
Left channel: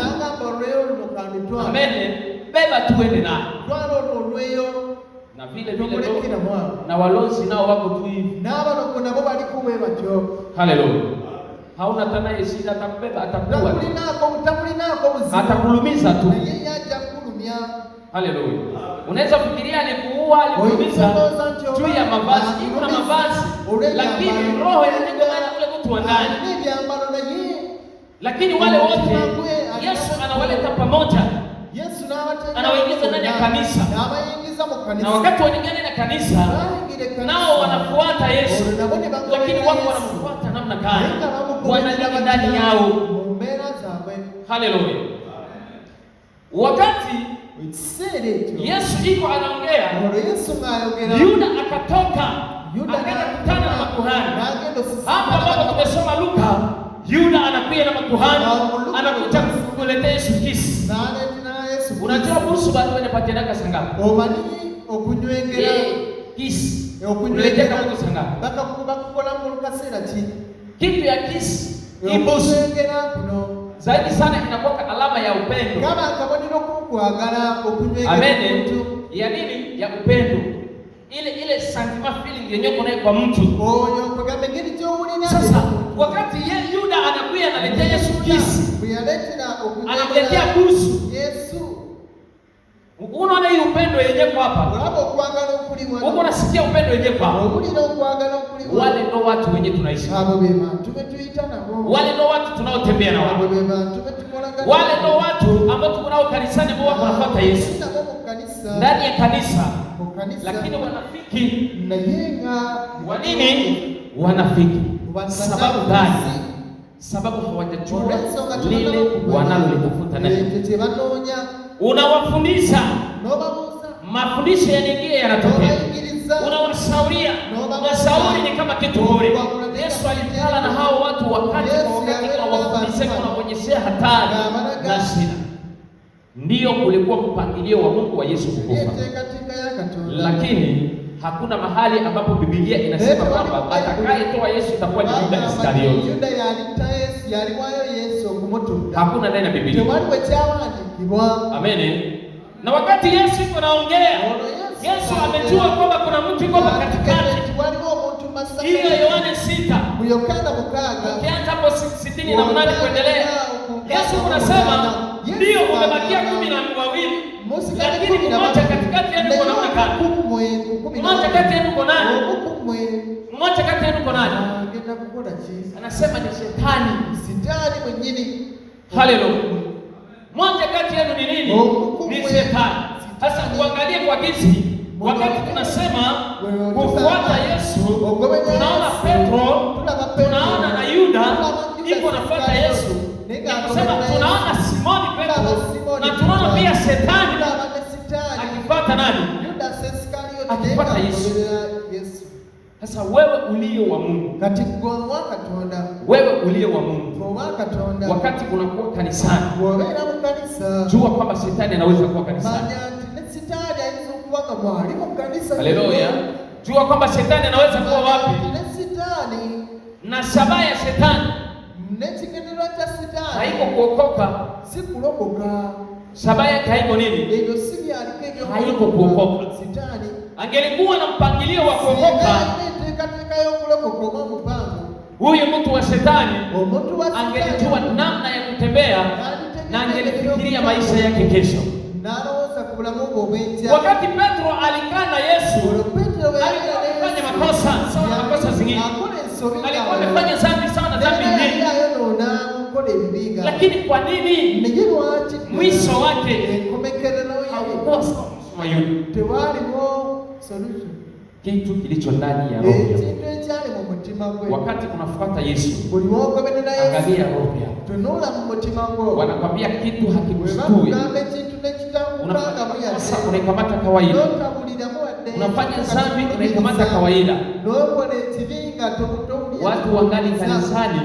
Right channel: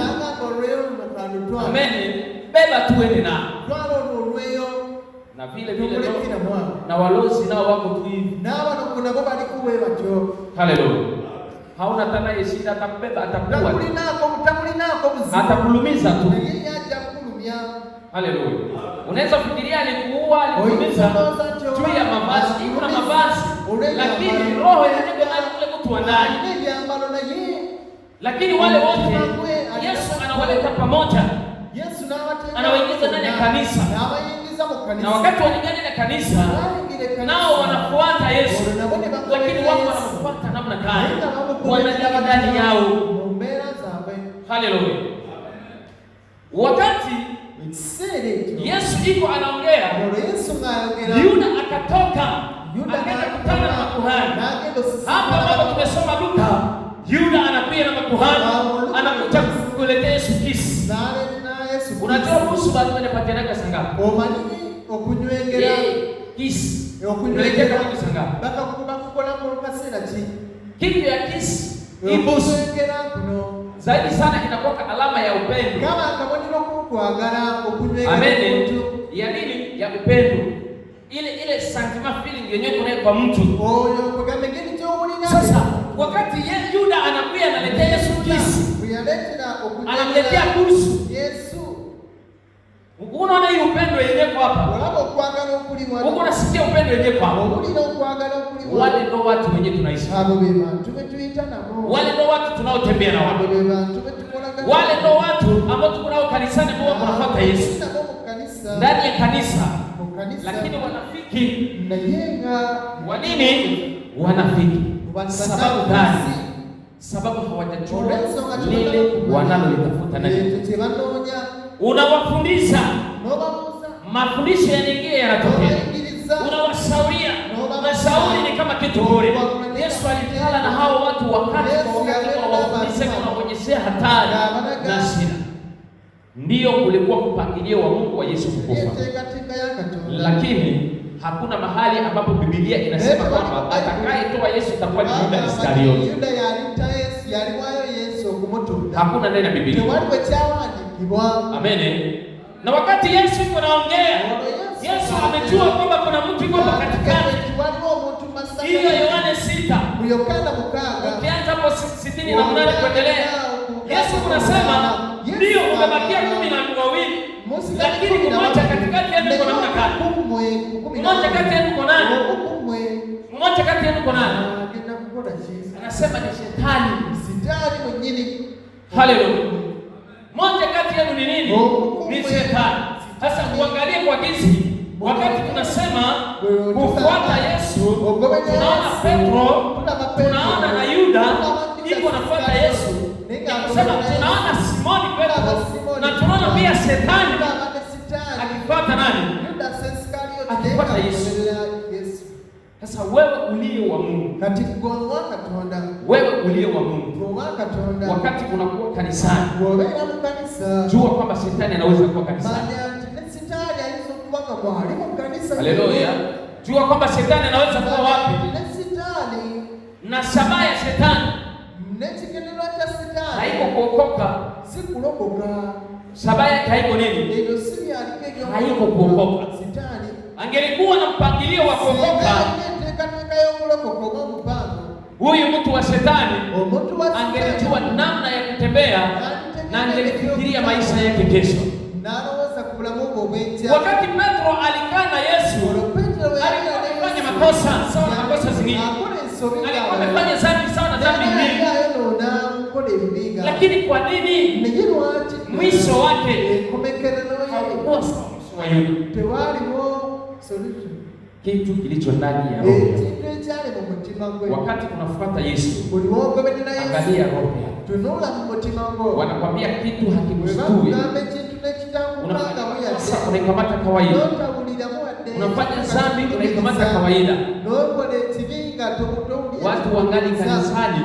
Amen. Beba tu ende na vile na walozi nao wako tu hivi. Haleluya. Hauna tena shida, atakubeba, atakuwa atakulumiza tu. Haleluya. Unaweza fikiria alikuua, alikuumiza juu ya mavazi, kuna mavazi, lakini roho inaenda ndani kule mtu wa ndani. Lakini wale wote Yesu anawaleta pamoja. Anawaingiza ndani ya kanisa. Na wakati wanaingia ndani ya kanisa, nao wanafuata Yesu. Lakini wao wanafuata namna gani? Wanaingia ndani yao. Haleluya. Wakati Yesu iko anaongea, Yuda akatoka, akaenda kukutana na makuhani. Hapa bado tumesoma Luka, Yuda anakuja na makuhani, anakuja kuletea Yesu kisi. Unajua kuhusu watu wanapatiana sangapi? Okunywengera kisi. Kuletea kama sangapi? Kitu ya kisi ibusu zaidi sana inakuwa alama ya upendo. Amen. Ya nini? Ya upendo. Ile sentiment feeling yenyewe kuna kwa mtu. Sasa wakati Yuda anakuja analetea Yesu kisi, anamletea busu. Unaona hii upendo yenyewe hapa. Uko nasikia upendo yenyewe hapa. Wale ndio watu wenyewe tunaishi nao. Wale ndio watu tunaotembea na wao. Wale ndio watu ambao tuko nao kanisani, kwa kufuata Yesu ndani ya kanisa. Lakini wanafiki. Wa nini? Wanafiki. Sababu gani? Sababu hawajajua lile wanalolitafuta ndani. Unawafundisha, mafundisho yanaingia yanatokea. Unawashauria, mashauri ni kama kitu bure. Yesu alipigana na hao watu wakati wawafundisha na kuonyesha hatari na shida. Ndio ulikuwa mpangilio wa Mungu wa Yesu kukufa. Lakini hakuna mahali ambapo Biblia inasema kwamba atakayetoa Yesu atakuwa ni Yuda Iskariote. Hakuna ndani ya Biblia. Amen. Na wakati Yesu yuko anaongea, Yesu amejua kwamba kuna mtu yuko katikati. Hiyo Yohana 6. Ukianza hapo 68 kuendelea. Yesu anasema ndio umebakia 12, lakini mmoja katikati yenu kuna namna gani? Mmoja kati yenu kuna nani? Mmoja kati yenu kuna nani? Anasema ni shetani. Mwenyewe. Haleluya. Mmoja kati yenu ni nini? Ni shetani. Sasa tuangalie kwa kisi, wakati tunasema kufuata Yesu, tunaona Petro, tunaona na Yuda iko nafuata Yesu. Tunasema tunaona Simoni Petro, na tunaona pia shetani akifuata nani? Akifuata Yesu. Sasa wewe ulio wa Mungu, wewe ulio wa Mungu, wakati unakuwa kanisani, jua kwamba shetani anaweza kuwa kanisani. Haleluya. Jua kwamba shetani anaweza kuwa wapi? Na shabaha ya shetani haiko kuokoka. Shabaha yake haiko nini? Haiko kuokoka. Angelikuwa na mpangilio wa kuokoka, yake kesho. Wakati Petro alikana Yesu, alikuwa amefanya makosa sawa na makosa zingine, alikuwa amefanya dhambi sawa na dhambi nyingine. Lakini kwa nini mwisho wake haukuwa sawa na Yuda? Kitu kilicho ndani ya roho. Wakati unafuata Yesu, angalia roho yako. Wanakwambia kitu hakikushtui, unaikamata kawaida. Unafanya dhambi unaikamata kawaida. Watu wangali kanisani,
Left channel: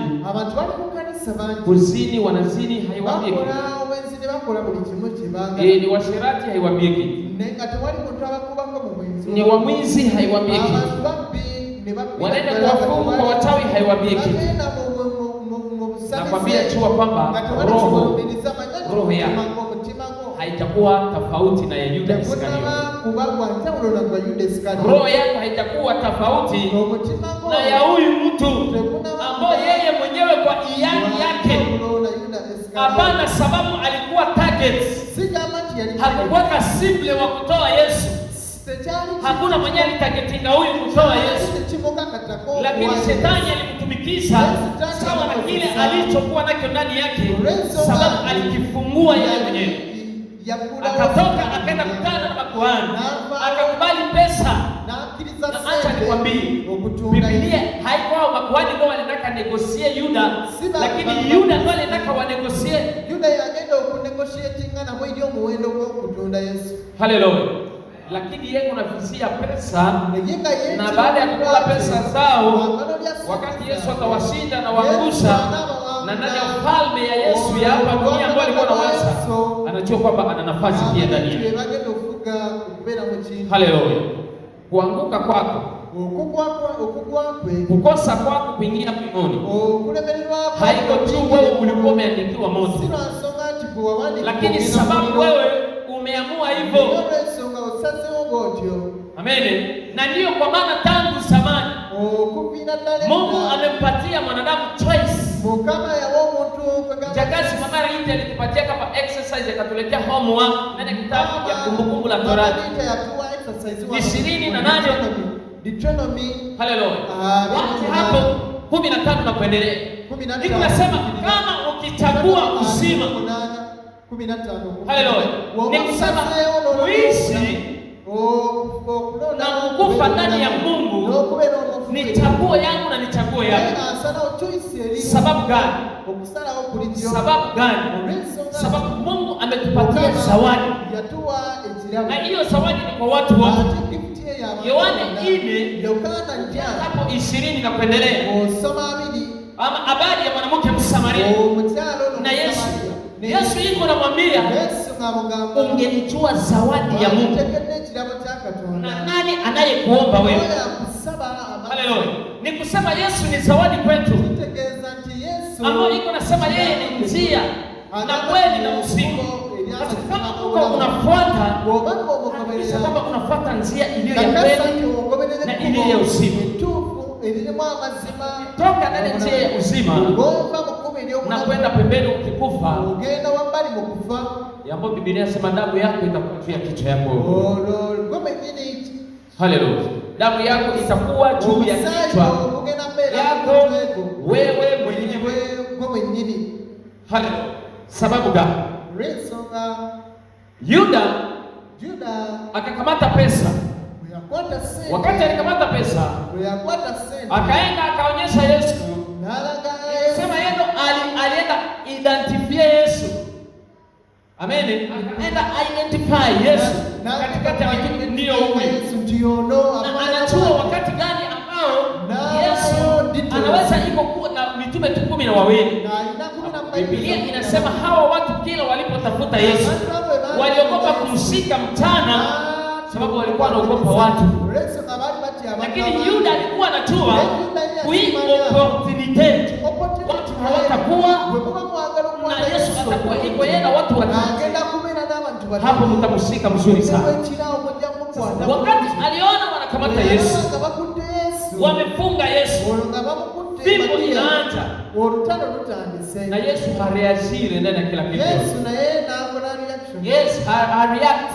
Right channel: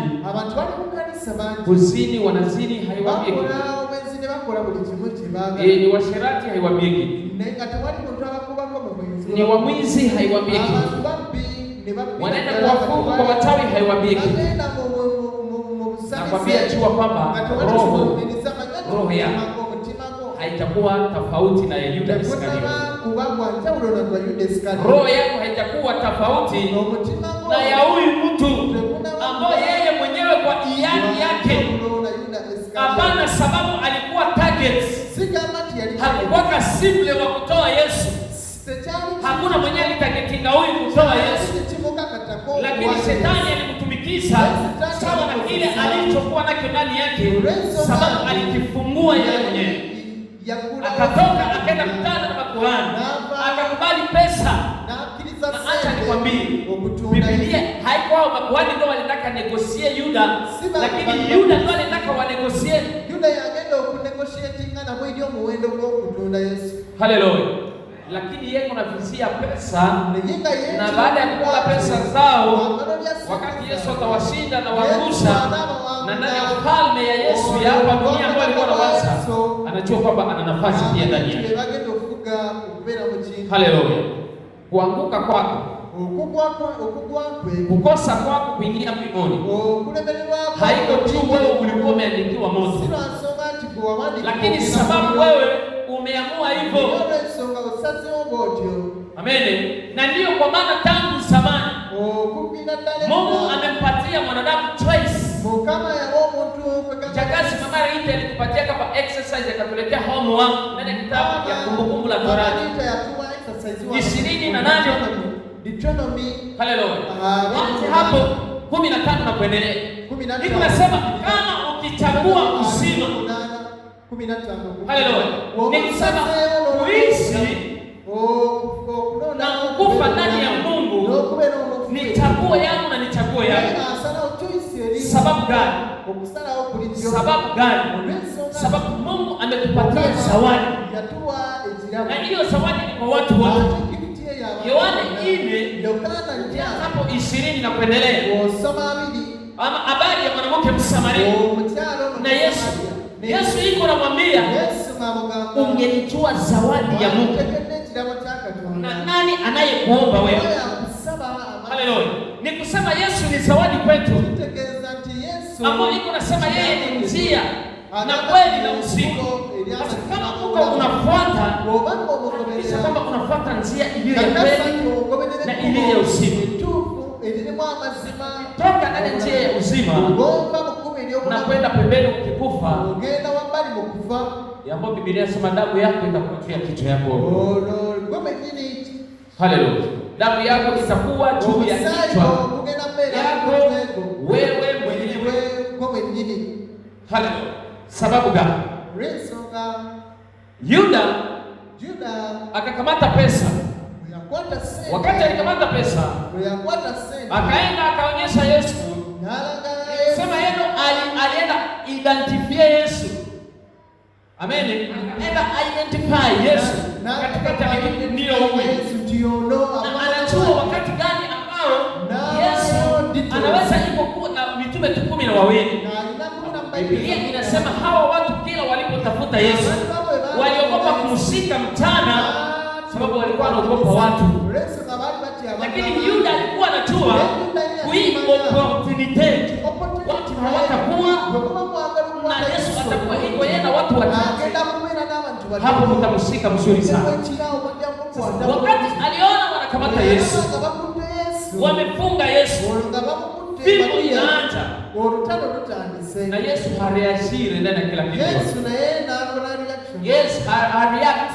kuzini wanazini, haiwaambie kitu. Ni washerati, haiwaambie kitu. Ni wamwizi, haiwaambie kitu. Wanaenda kuwafunga kwa wachawi, haiwaambie kitu. Nakwambia jua kwamba roho yako haitakuwa tofauti na Yuda Iskariote. Roho yako haitakuwa tofauti na ya huyu mtu ambaye yeye mwenyewe kwa hiari yake, hapana sababu alikuwa target. Hakuwa simple wa kutoa Yesu. Hakuna mwenye alitagetinga huyu kutoa Yesu. Lakini shetani alimtumikisha sawa na kile alichokuwa nacho ndani yake, sababu alikifungua yeye mwenyewe. Akatoka akaenda kutana na makuhani, akakubali pesa. Acha nikwambie, Biblia haikuwa makuhani ndio walitaka negotiate Yuda, lakini Yuda ndio alitaka wanegotiate. Haleluya. Lakini yeye anafisia pesa, na baada ya kukula pesa zao, wakati Yesu atawashinda na waangusha, na ndani ya ufalme ya Yesu ya hapa dunia ambayo alikuwa anawaza, anajua kwamba ana nafasi pia ndani yake. Haleluya. Kuanguka kwako, kukosa kwako kuingia mbinguni, haiko tu wewe ulikuwa umeandikiwa moto, lakini sababu wewe umeamua hivyo. Amen. Na ndio kwa maana tangu zamani Mungu amempatia mwanadamu choice. Jagazi mama Rita alitupatia kama exercise, akatuletea homework ndani ya kitabu ya Kumbukumbu la Torati 28 Haleluya. Hapo 15 na kuendelea. Niko nasema kama ukichagua uzima, haleluya, ni kusema kuishi na kukufa ndani ya Mungu ni chaguo yangu na ni chaguo yako. Sababu gani? Sababu gani? Sababu Mungu ametupatia zawadi, na hiyo zawadi ni kwa watu wote. Yohana 4 hapo 20 na kuendelea, ama habari ya mwanamke Msamaria na Yesu. Yesu yuko anamwambia, ungelijua zawadi ya Mungu na nani anayekuomba wewe. Haleluya. Ni kusema Yesu ni zawadi kwetu, ambapo iko nasema yeye ni njia na kweli na uzima. Kama uko unafuata, kama unafuata njia iliyo ya kweli na iliyo ya uzima, toka ndani ya njia ya uzima na kwenda pembeni ukikufa, ambapo Biblia inasema damu yako itakuwa juu ya kichwa yako. Haleluya. Damu yako itakuwa juu ya kichwa yako wewe mwenyewe. Haleluya. Sababu gani? Yuda akakamata pesa. Wakati alikamata pesa, akaenda akaonyesha Yesu. Sema yeye alienda identify Yesu. Amen. Akaenda identify Yesu katikati ya wengine, ndio huyu. Na anajua wakati gani ambao Yesu anaweza kuwa na mitume 12. Biblia inasema hawa watu kila walipotafuta Yesu waliogopa kumshika mchana, sababu walikuwa wanaogopa watu. Lakini Yuda alikuwa anajua kui opportunity watu hawatakuwa na Yesu atakuwa iko yeye na watu watatu. Hapo mtamshika mzuri sana. Wakati aliona wanakamata Yesu, wamefunga Yesu, vifo inaanza, na Yesu hareashire ndani ya kila kitu. react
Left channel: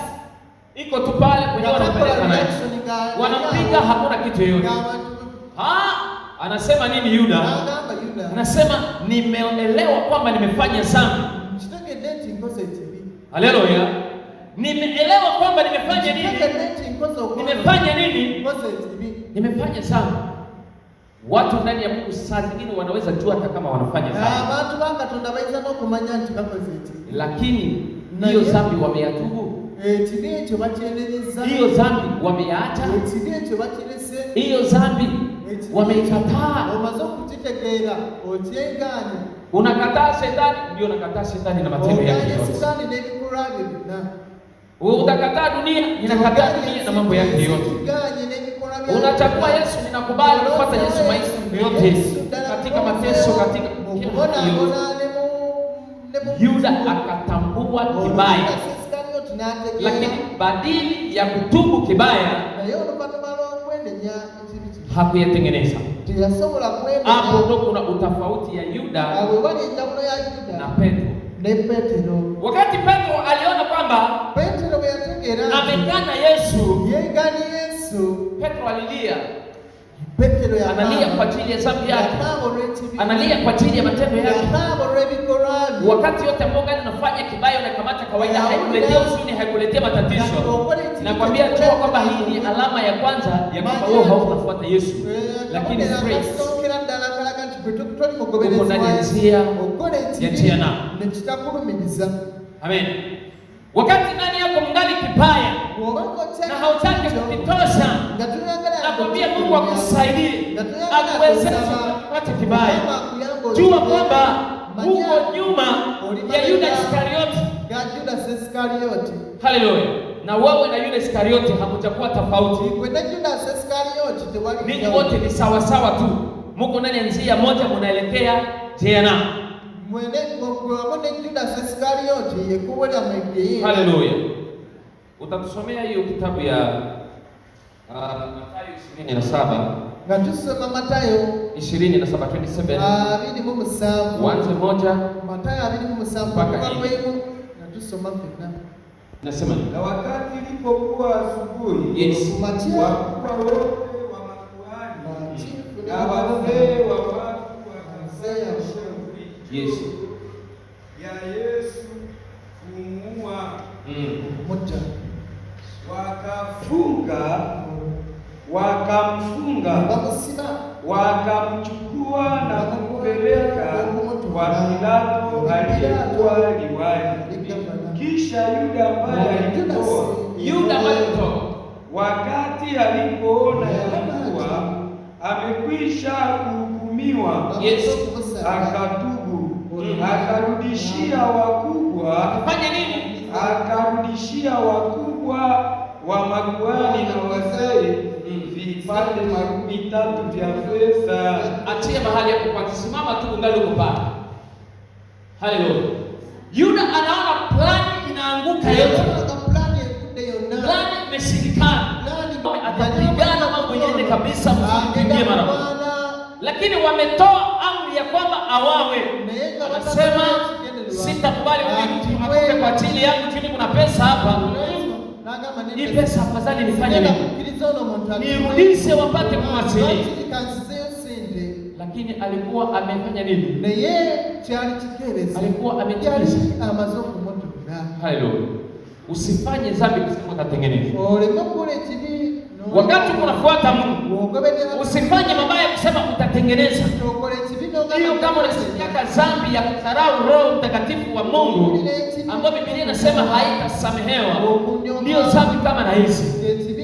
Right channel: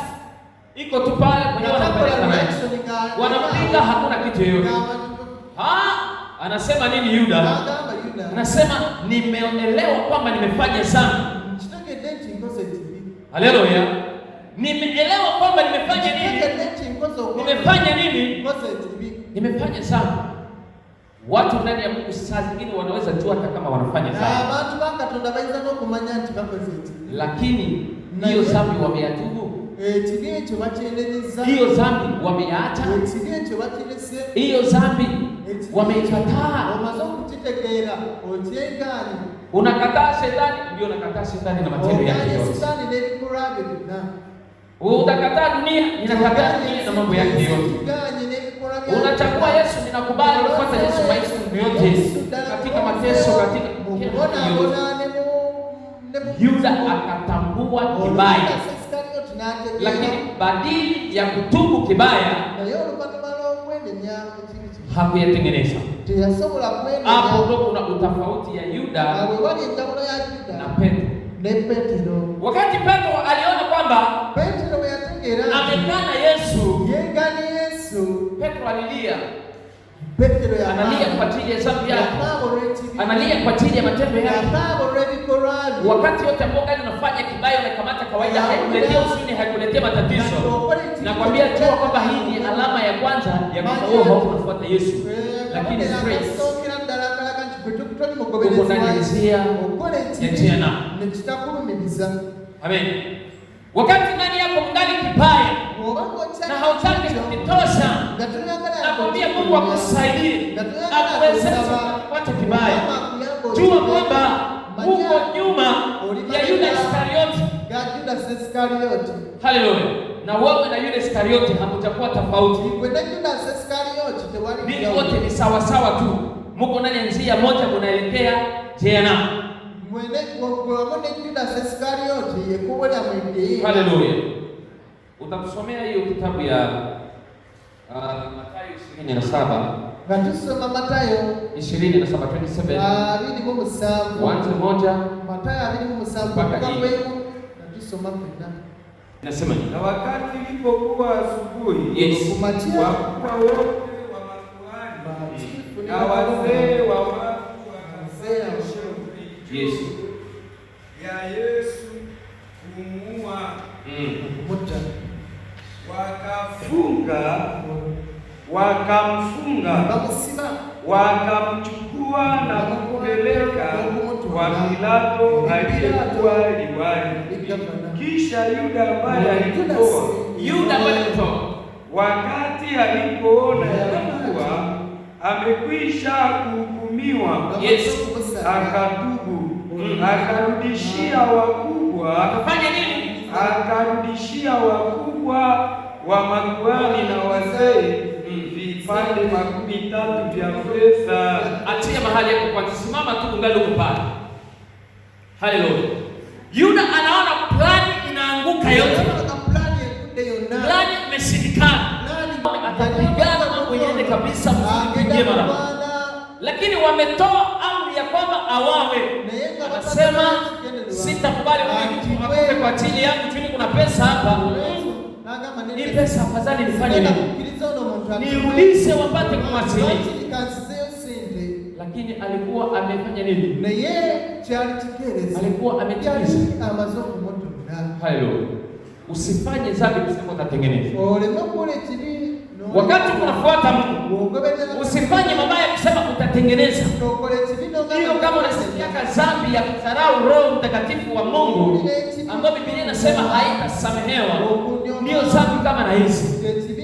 iko tu pale kwenye wanapiga, hakuna kitu yoyote. Anasema nini Yuda? Anasema nimeelewa kwamba nimefanya dhambi. Haleluya. Nimeelewa kwamba nimefanya nini? Nimefanya nini? Nimefanya dhambi. Watu ndani ya Mungu saa zingine wanaweza jua hata kama wanafanya dhambi, lakini hiyo dhambi wameyatubu, hiyo dhambi wameyaacha, hiyo dhambi wameikataa. Unakataa shetani, ndio nakataa shetani na matendo yake yote. Utakataa dunia, ninakataa dunia na mambo yake yote. Unachagua Yesu, ninakubali kufuata Yesu maisha yote, katika mateso, katika Yuda akatambua kibaya, lakini badili ya kutubu kibaya hakuyatengeneza. Hapo ndio kuna utofauti ya Yuda na Petro. Wakati Petro aliona kwamba amekana Yesu, Petro alilia. Analia kwa ajili ya dhambi yake, analia kwa ajili ya matendo yake. Wakati yote Mungu anafanya kibaya, unakamata kawaida, haikuletea huzuni, haikuletea matatizo. Nakwambia tu kwamba hii ni alama ya kwanza ya kwamba wewe haukufuata Yesu, lakini stress uko ndani ya njia na. Amen. Wakati ndani yako mngali kibaya na hautaki kutosha, nakwambia Mungu akusaidie, akuwezeshe kupata kibaya. Jua kwamba uko nyuma ya Yuda Iskarioti. Haleluya. Na wewe na Yuda Iskarioti hamtakuwa tofauti. Ninyi wote ni sawa sawa tu. Mko ndani ya njia moja, mnaelekea jehanamu. Haleluya. Utatusomea hiyo kitabu ya Mathayo 27. Natusoma Mathayo 27 27. Mwanzo moja Mathayo 27 mpaka kwenu. Natusoma pena. Nasema na wakati ilipokuwa asubuhi, yes, wakubwa wote wa makuhani na wazee wa watu wakafanya shauri yes ya Yesu kumuua. Wakamfunga, wakamchukua na kumpeleka kwa Pilato aliyekuwa liwali. Kisha Yuda ambaye alitoa, wakati alipoona ya kuwa amekwisha kuhukumiwa, akatubu, akarudishia wakubwa wa makuhani na wazee vipande 3 vya fedha. Atia mahali hapo kwa simama tu, ungali uko pale. Haleluya. Yuda anaona plani inaanguka yote. Plani imeshindikana. Atapigana mambo yende kabisa, msipige mara moja. Lakini wametoa amri ya kwamba awawe. Anasema sitakubali mtu akufe kwa ajili yangu, chini kuna pesa hapa. Hii pesa afadhali nifanye nini? Nirudishe wapate kumwasilia. Lakini alikuwa amefanya nini? Na yeye alitekeleza. Alikuwa ametekeleza amazoko moto. Haleluya. Usifanye dhambi kusema utatengeneza. Wakati unafuata Mungu, usifanye mabaya kusema utatengeneza. Hiyo kama unasikia dhambi ya kudharau Roho Mtakatifu wa Mungu, ambayo Biblia inasema haitasamehewa, ndio dhambi kama na hizi.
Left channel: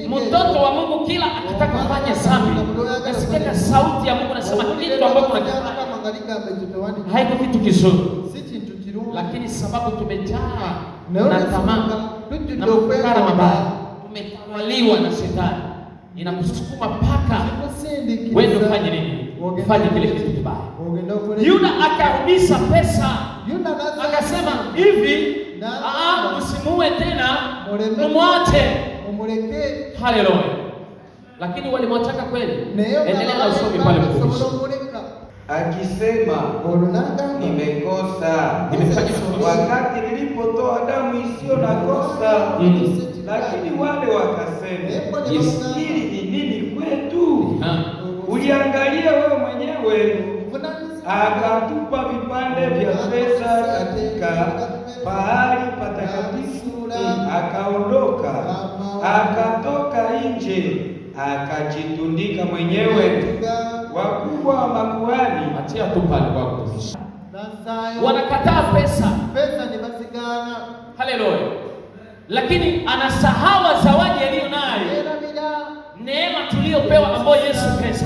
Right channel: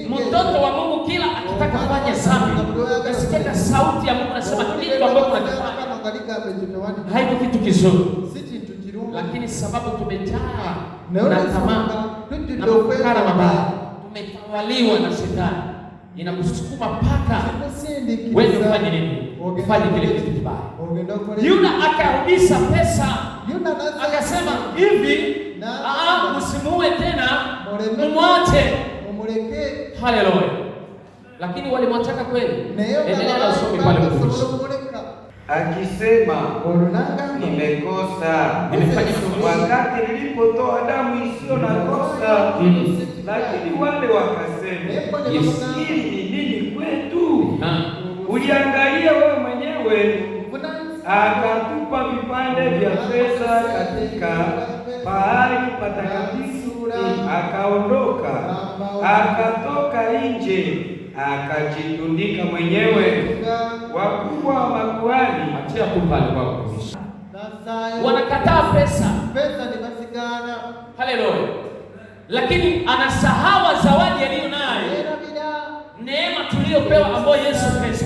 Mtoto wa Mungu kila akitaka kufanya dhambi, nasikia sauti ya Mungu nasema kitu ambacho unakifanya haiko kitu kizuri, lakini sababu tumejaa na tamaa na mafikra mabaya, tumetawaliwa na shetani, inakusukuma mpaka wewe ufanye nini? Ufanye kile kitu kibaya. Yuda akarudisha pesa, akasema hivi, msimuue tena, mumwache. Haleluya. Lakini walimwachaka kweli. Endelea na usome pale mwisho. akisema, nimekosa, nimefanya wakati nilipotoa damu isiyo na kosa. Lakini wale wakasema, hili ni nini kwetu? Uliangalia wewe mwenyewe, akatupa vipande vya fedha katika pahali patakatifu, akaondoka, akatoka nje, akajitundika mwenyewe. Wakubwa wa makuhani, achia tu pale kwa kutumisha, wanakataa pesa. Haleluya! Lakini anasahau zawadi aliyo nayo, neema tuliyopewa ambayo Yesu pesa.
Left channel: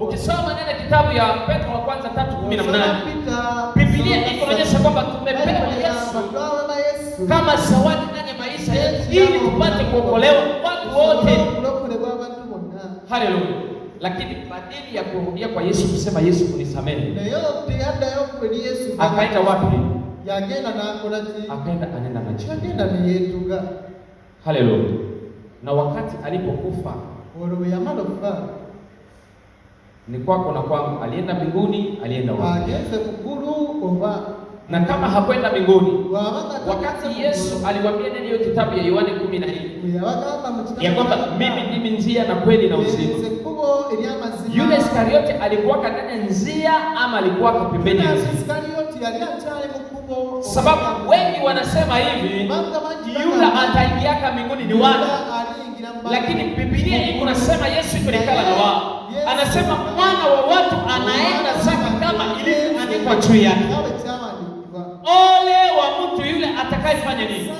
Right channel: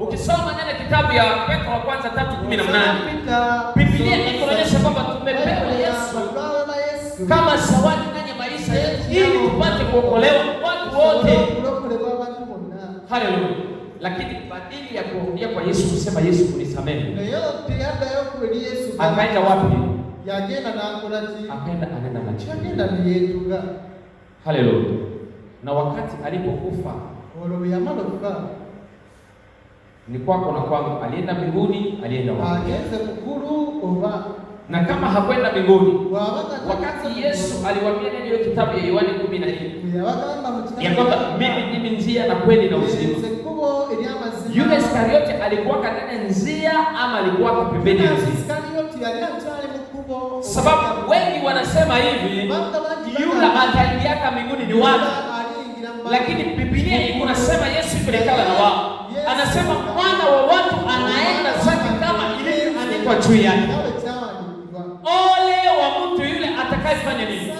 Ukisoma nenda kitabu ya Petro wa kwanza 3:18, Biblia inaonyesha kwamba tumepewa Yesu kama zawadi ndani ya maisha yetu ili tupate kuokolewa watu wote. Haleluya! Lakini badili ya kurudia kwa Yesu kusema Yesu unisamehe, akaenda wapi? Akaenda anena maji. Haleluya! Na wakati alipokufa ni kwako na kwangu, alienda mbinguni, alienda wapi? Na kama hakwenda mbinguni, wakati Yesu aliwaambia nini hiyo kitabu ya Yohana 14 ya kwamba mimi ndimi njia na kweli na uzima, yule Iskariote alikuwa katika njia ama alikuwa pembeni ya njia? Sababu wengi wanasema hivi, yule ataingia mbinguni ni watu, lakini Biblia inasema Yesu yulikala na wao. Anasema mwana wa watu anaenda zake kama ilivyoandikwa juu yake. Ole wa mtu yule atakayefanya nini?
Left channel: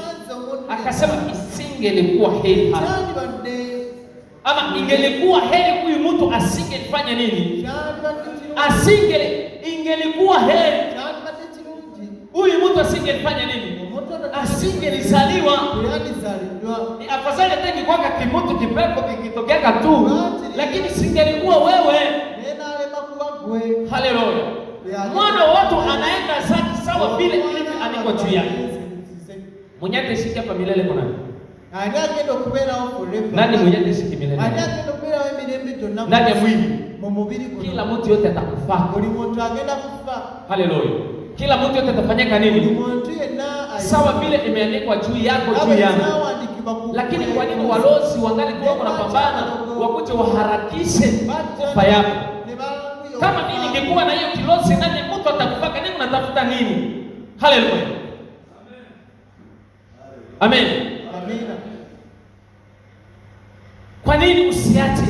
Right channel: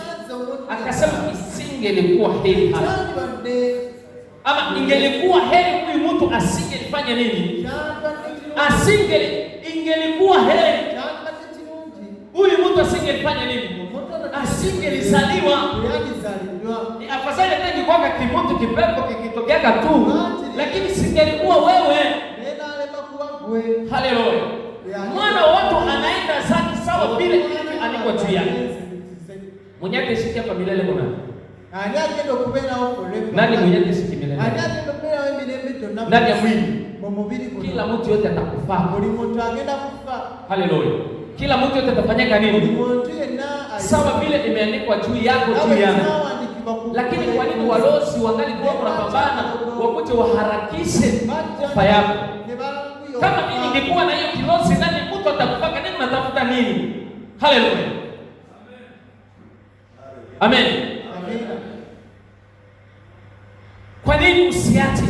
Akasema isingelikuwa heri ama ingelikuwa heri huyu mtu asingelifanya nini? Ingelikuwa heri huyu mtu asingelifanya nini? Asingelizaliwa. Ni afadhali hata ingekuwa kimutu kipepo kikitokea tu, lakini singelikuwa wewe. Haleluya! Mwana wa watu anaenda zake sawa vile ilivyo andikwa juu yake. Mwenye atashiki hapa milele kuna nani? Mwenye atashiki milele ndani ya mwili, kila mtu yote atakufa. Haleluya! Kila mtu yote atafanyika nini? Sawa vile imeandikwa juu yako, juu yangu. Lakini kwa nini walozi wangali kwa wanapambana wakuje waharakishe kufa yako? Kama mimi ningekuwa na hiyo kilosi nani mtu atakupaka nini, unatafuta nini? Haleluya. Amen. Amen. Kwa nini usiache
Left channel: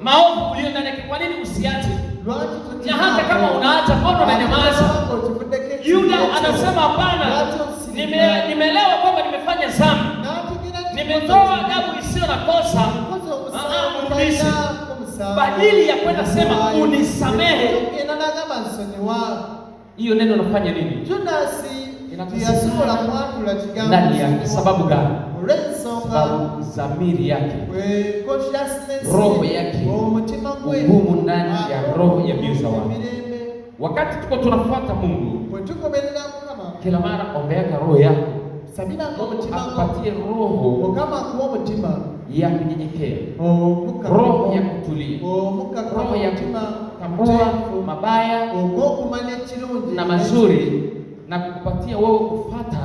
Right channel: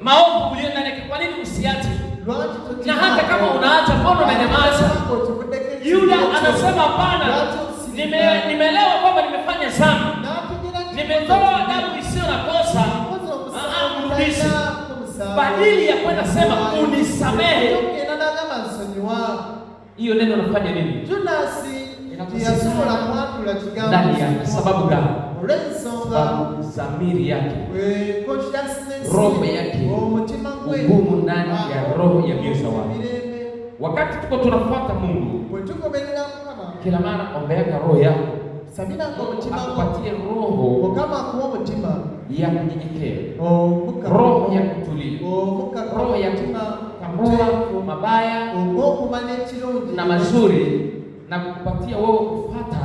maovu ulio ndani yako? Kwa nini usiache? Na hata kama unaacha, mbona unanyamaza? Yuda anasema hapana, nimelewa kwamba nimefanya dhambi, nimetoa damu isiyo na kosa. Mrudishe. Badili ya kwenda sema unisamehe, hiyo neno nafanya nini? Ndani yake. Sababu gani? Dhamiri yake, roho yake, nguvu ndani ya roho ya mioyo wao. Wakati tuko tunafuata Mungu, kila mara ombea roho yako, akupatie roho ya kunyenyekea, roho ya kutulia, roho ya kutambua mabaya na mazuri, na kupatia wewe kufuata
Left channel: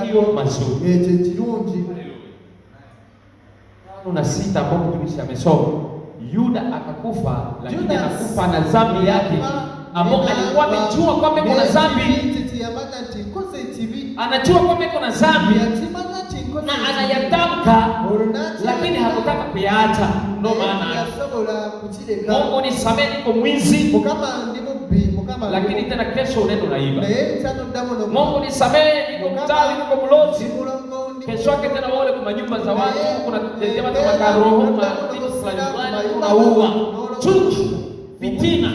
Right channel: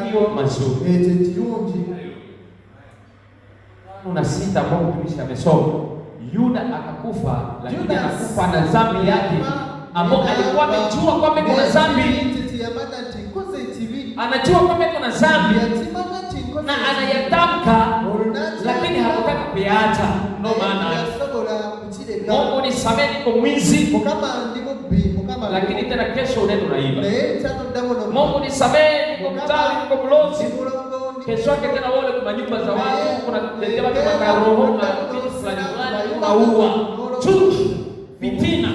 hiyo mazuri. Una sita ambao mtumishi amesoma, Yuda akakufa, lakini akakufa na dhambi yake ambao alikuwa amejua kwamba kuna dhambi, anajua kwamba kuna dhambi na anayatamka, lakini hakutaka kuyaacha. Ndio maana Mungu nisamehe, niko mwizi, lakini tena kesho unaenda unaiba. Mungu nisamehe, niko mchawi, niko mlozi, kesho yake tena wale kwa nyumba za watu kuna kutetea watu kwa roho na unaua, chuki, fitina.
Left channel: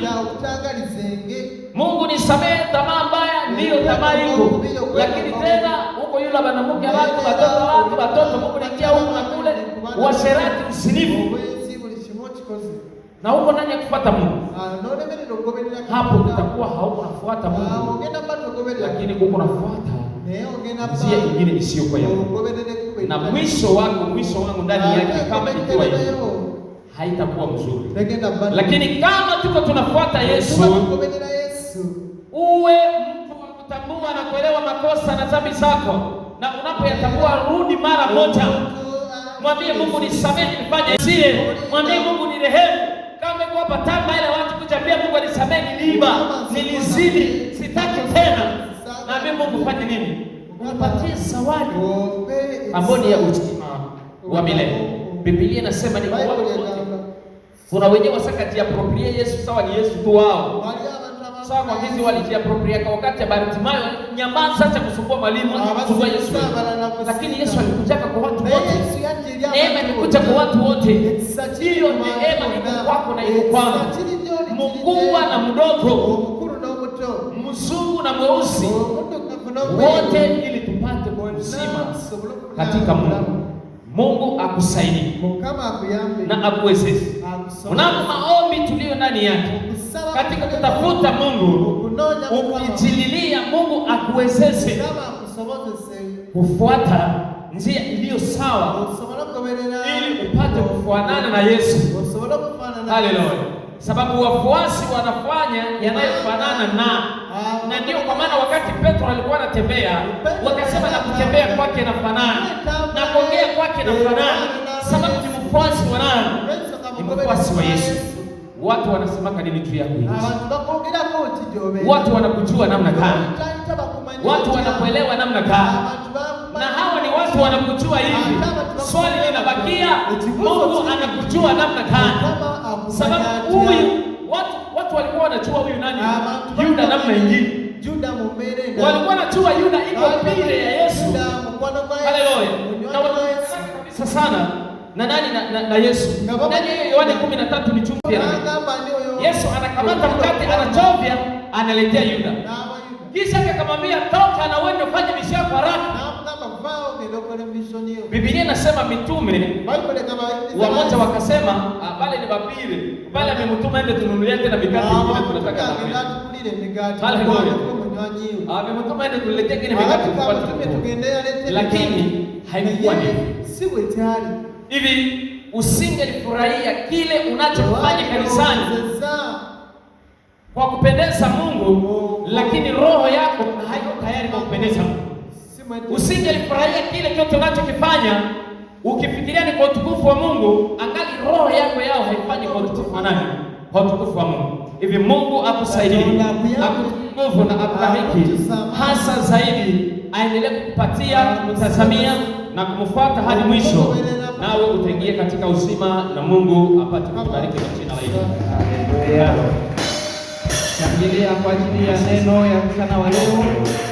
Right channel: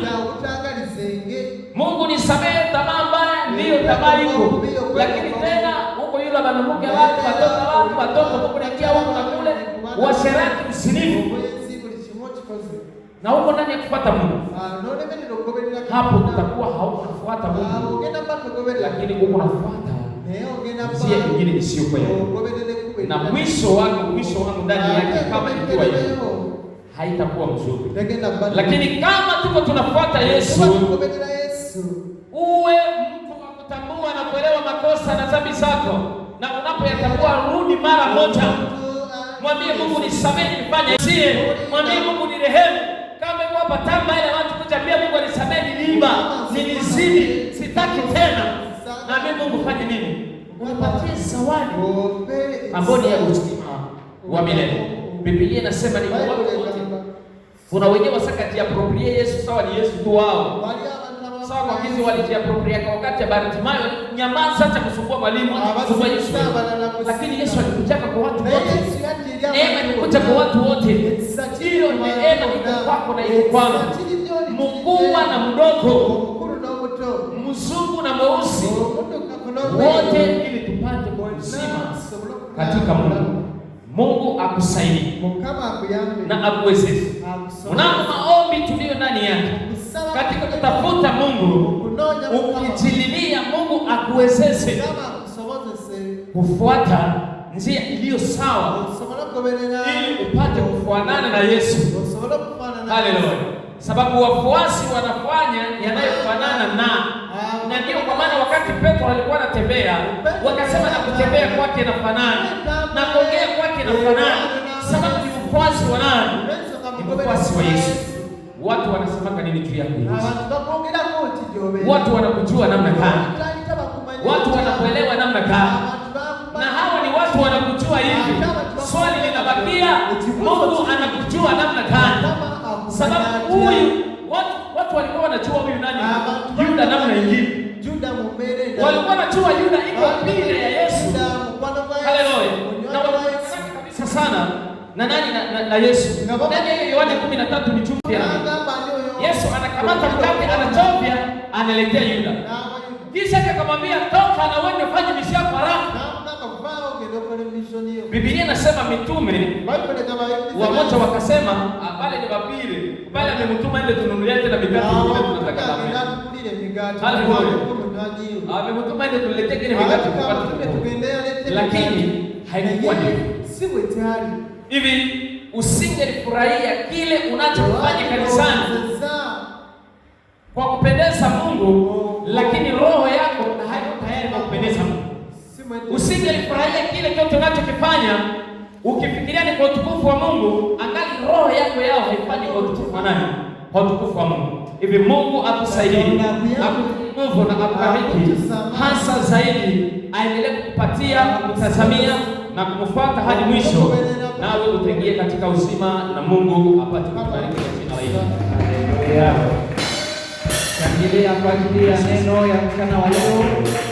Mungu nisamehe, tamaa mbaya ndio tamaa iko, lakini tena huko yule mwanamke watu watoto Mungu nikia huko na kule washerati, usinifu, na huko nani kufuata Mungu? Hapo tutakuwa haukufuata Mungu, lakini uko unafuata njia nyingine isiyo kwa yako, na mwisho wangu ndani yake kama ikiwa hivyo haitakuwa mzuri. Lakini kama tuko tunafuata Yesu, uwe mtu wa kutambua na kuelewa makosa na dhambi zako, na unapoyatambua rudi mara moja. Mwambie Mungu nisamehe, nifanye sije. Mwambie Mungu nirehemu. Kama iko hapa tamba ile watu kujambia Mungu nisamehe, niliiba, nilizidi, sitaki tena. Mwambie Mungu fanye nini? Umpatie zawadi ambayo ni ya uzima wa milele. Biblia inasema ni watu wote. Kuna wenyewe wasakajiaproprie Yesu sawa ni Yesu tu wao. Sawa kwa hizi walijiaproprie kwa wakati ya Bartimayo, nyamaza acha kusumbua mwalimu akasumbua Yesu. Lakini Yesu alikuja kwa watu wote. Neema ilikuja kwa watu wote. Hiyo neema iko kwako na iko kwangu. Mkubwa na mdogo, mzungu na mweusi, wote ili tupate uzima katika Mungu. Mungu akusaidie na akuwezeshe. Unapo maombi tulio ndani yake katika kutafuta Mungu, ukijililia Mungu akuwezeshe kufuata njia iliyo sawa ili upate kufuatana na Yesu. Haleluya. Sababu wafuasi wanafanya yanayofanana na ndio kwa maana wakati Petro alikuwa anatembea, wakasema na kutembea kwake na fanana na kuongea kwake na fanana. Sababu ni mfuasi wa nani? Ni mfuasi wa Yesu. Watu wanasemaka nini juu yako Yesu? Watu wanakujua namna gani? Watu wanakuelewa namna gani? Na hawa ni watu wanakujua hivi. Swali linabakia, Mungu anakujua namna gani? Sababu huyu watu walikuwa wanajua huyu nani? Yuda namna nyingine. Walikuwa wanajua Yuda iko mbele ya Yesu. Haleluya. Na wanataka kabisa sana na nani na Yesu. Nani Yohana 13 ni chumvi ya Yesu anakamata mkate anachovya analetea Yuda. Kisha akamwambia toka na uende ufanye mishako haraka. Biblia inasema mitume wamoja wakasema pale ni babiri. Pale amemtuma ende tununulie tena mikate nyingine tunataka na mimi. Pale ngoja. Amemtuma ende tuletee kile mikate tupate. Lakini haikuwa hivi. Usingelifurahia kile unachofanya kanisani kwa kupendeza Mungu, lakini roho yako haiko tayari kupendeza Mungu. Usingelifurahia kile kitu unachokifanya ukifikiria ni kwa utukufu wa Mungu, angali roho yako yao haifanyi kwa utukufu wa nani? Kwa utukufu wa Mungu. Hivi Mungu akusaidie, akunguvu na akubariki hasa zaidi, aendelee kukupatia, kutazamia na kumfuata hadi mwisho, nawe utaingia katika uzima na Mungu apate kubariki jina la Yesu. Haleluya. Shangilia kwa ajili ya neno ya mchana wa leo.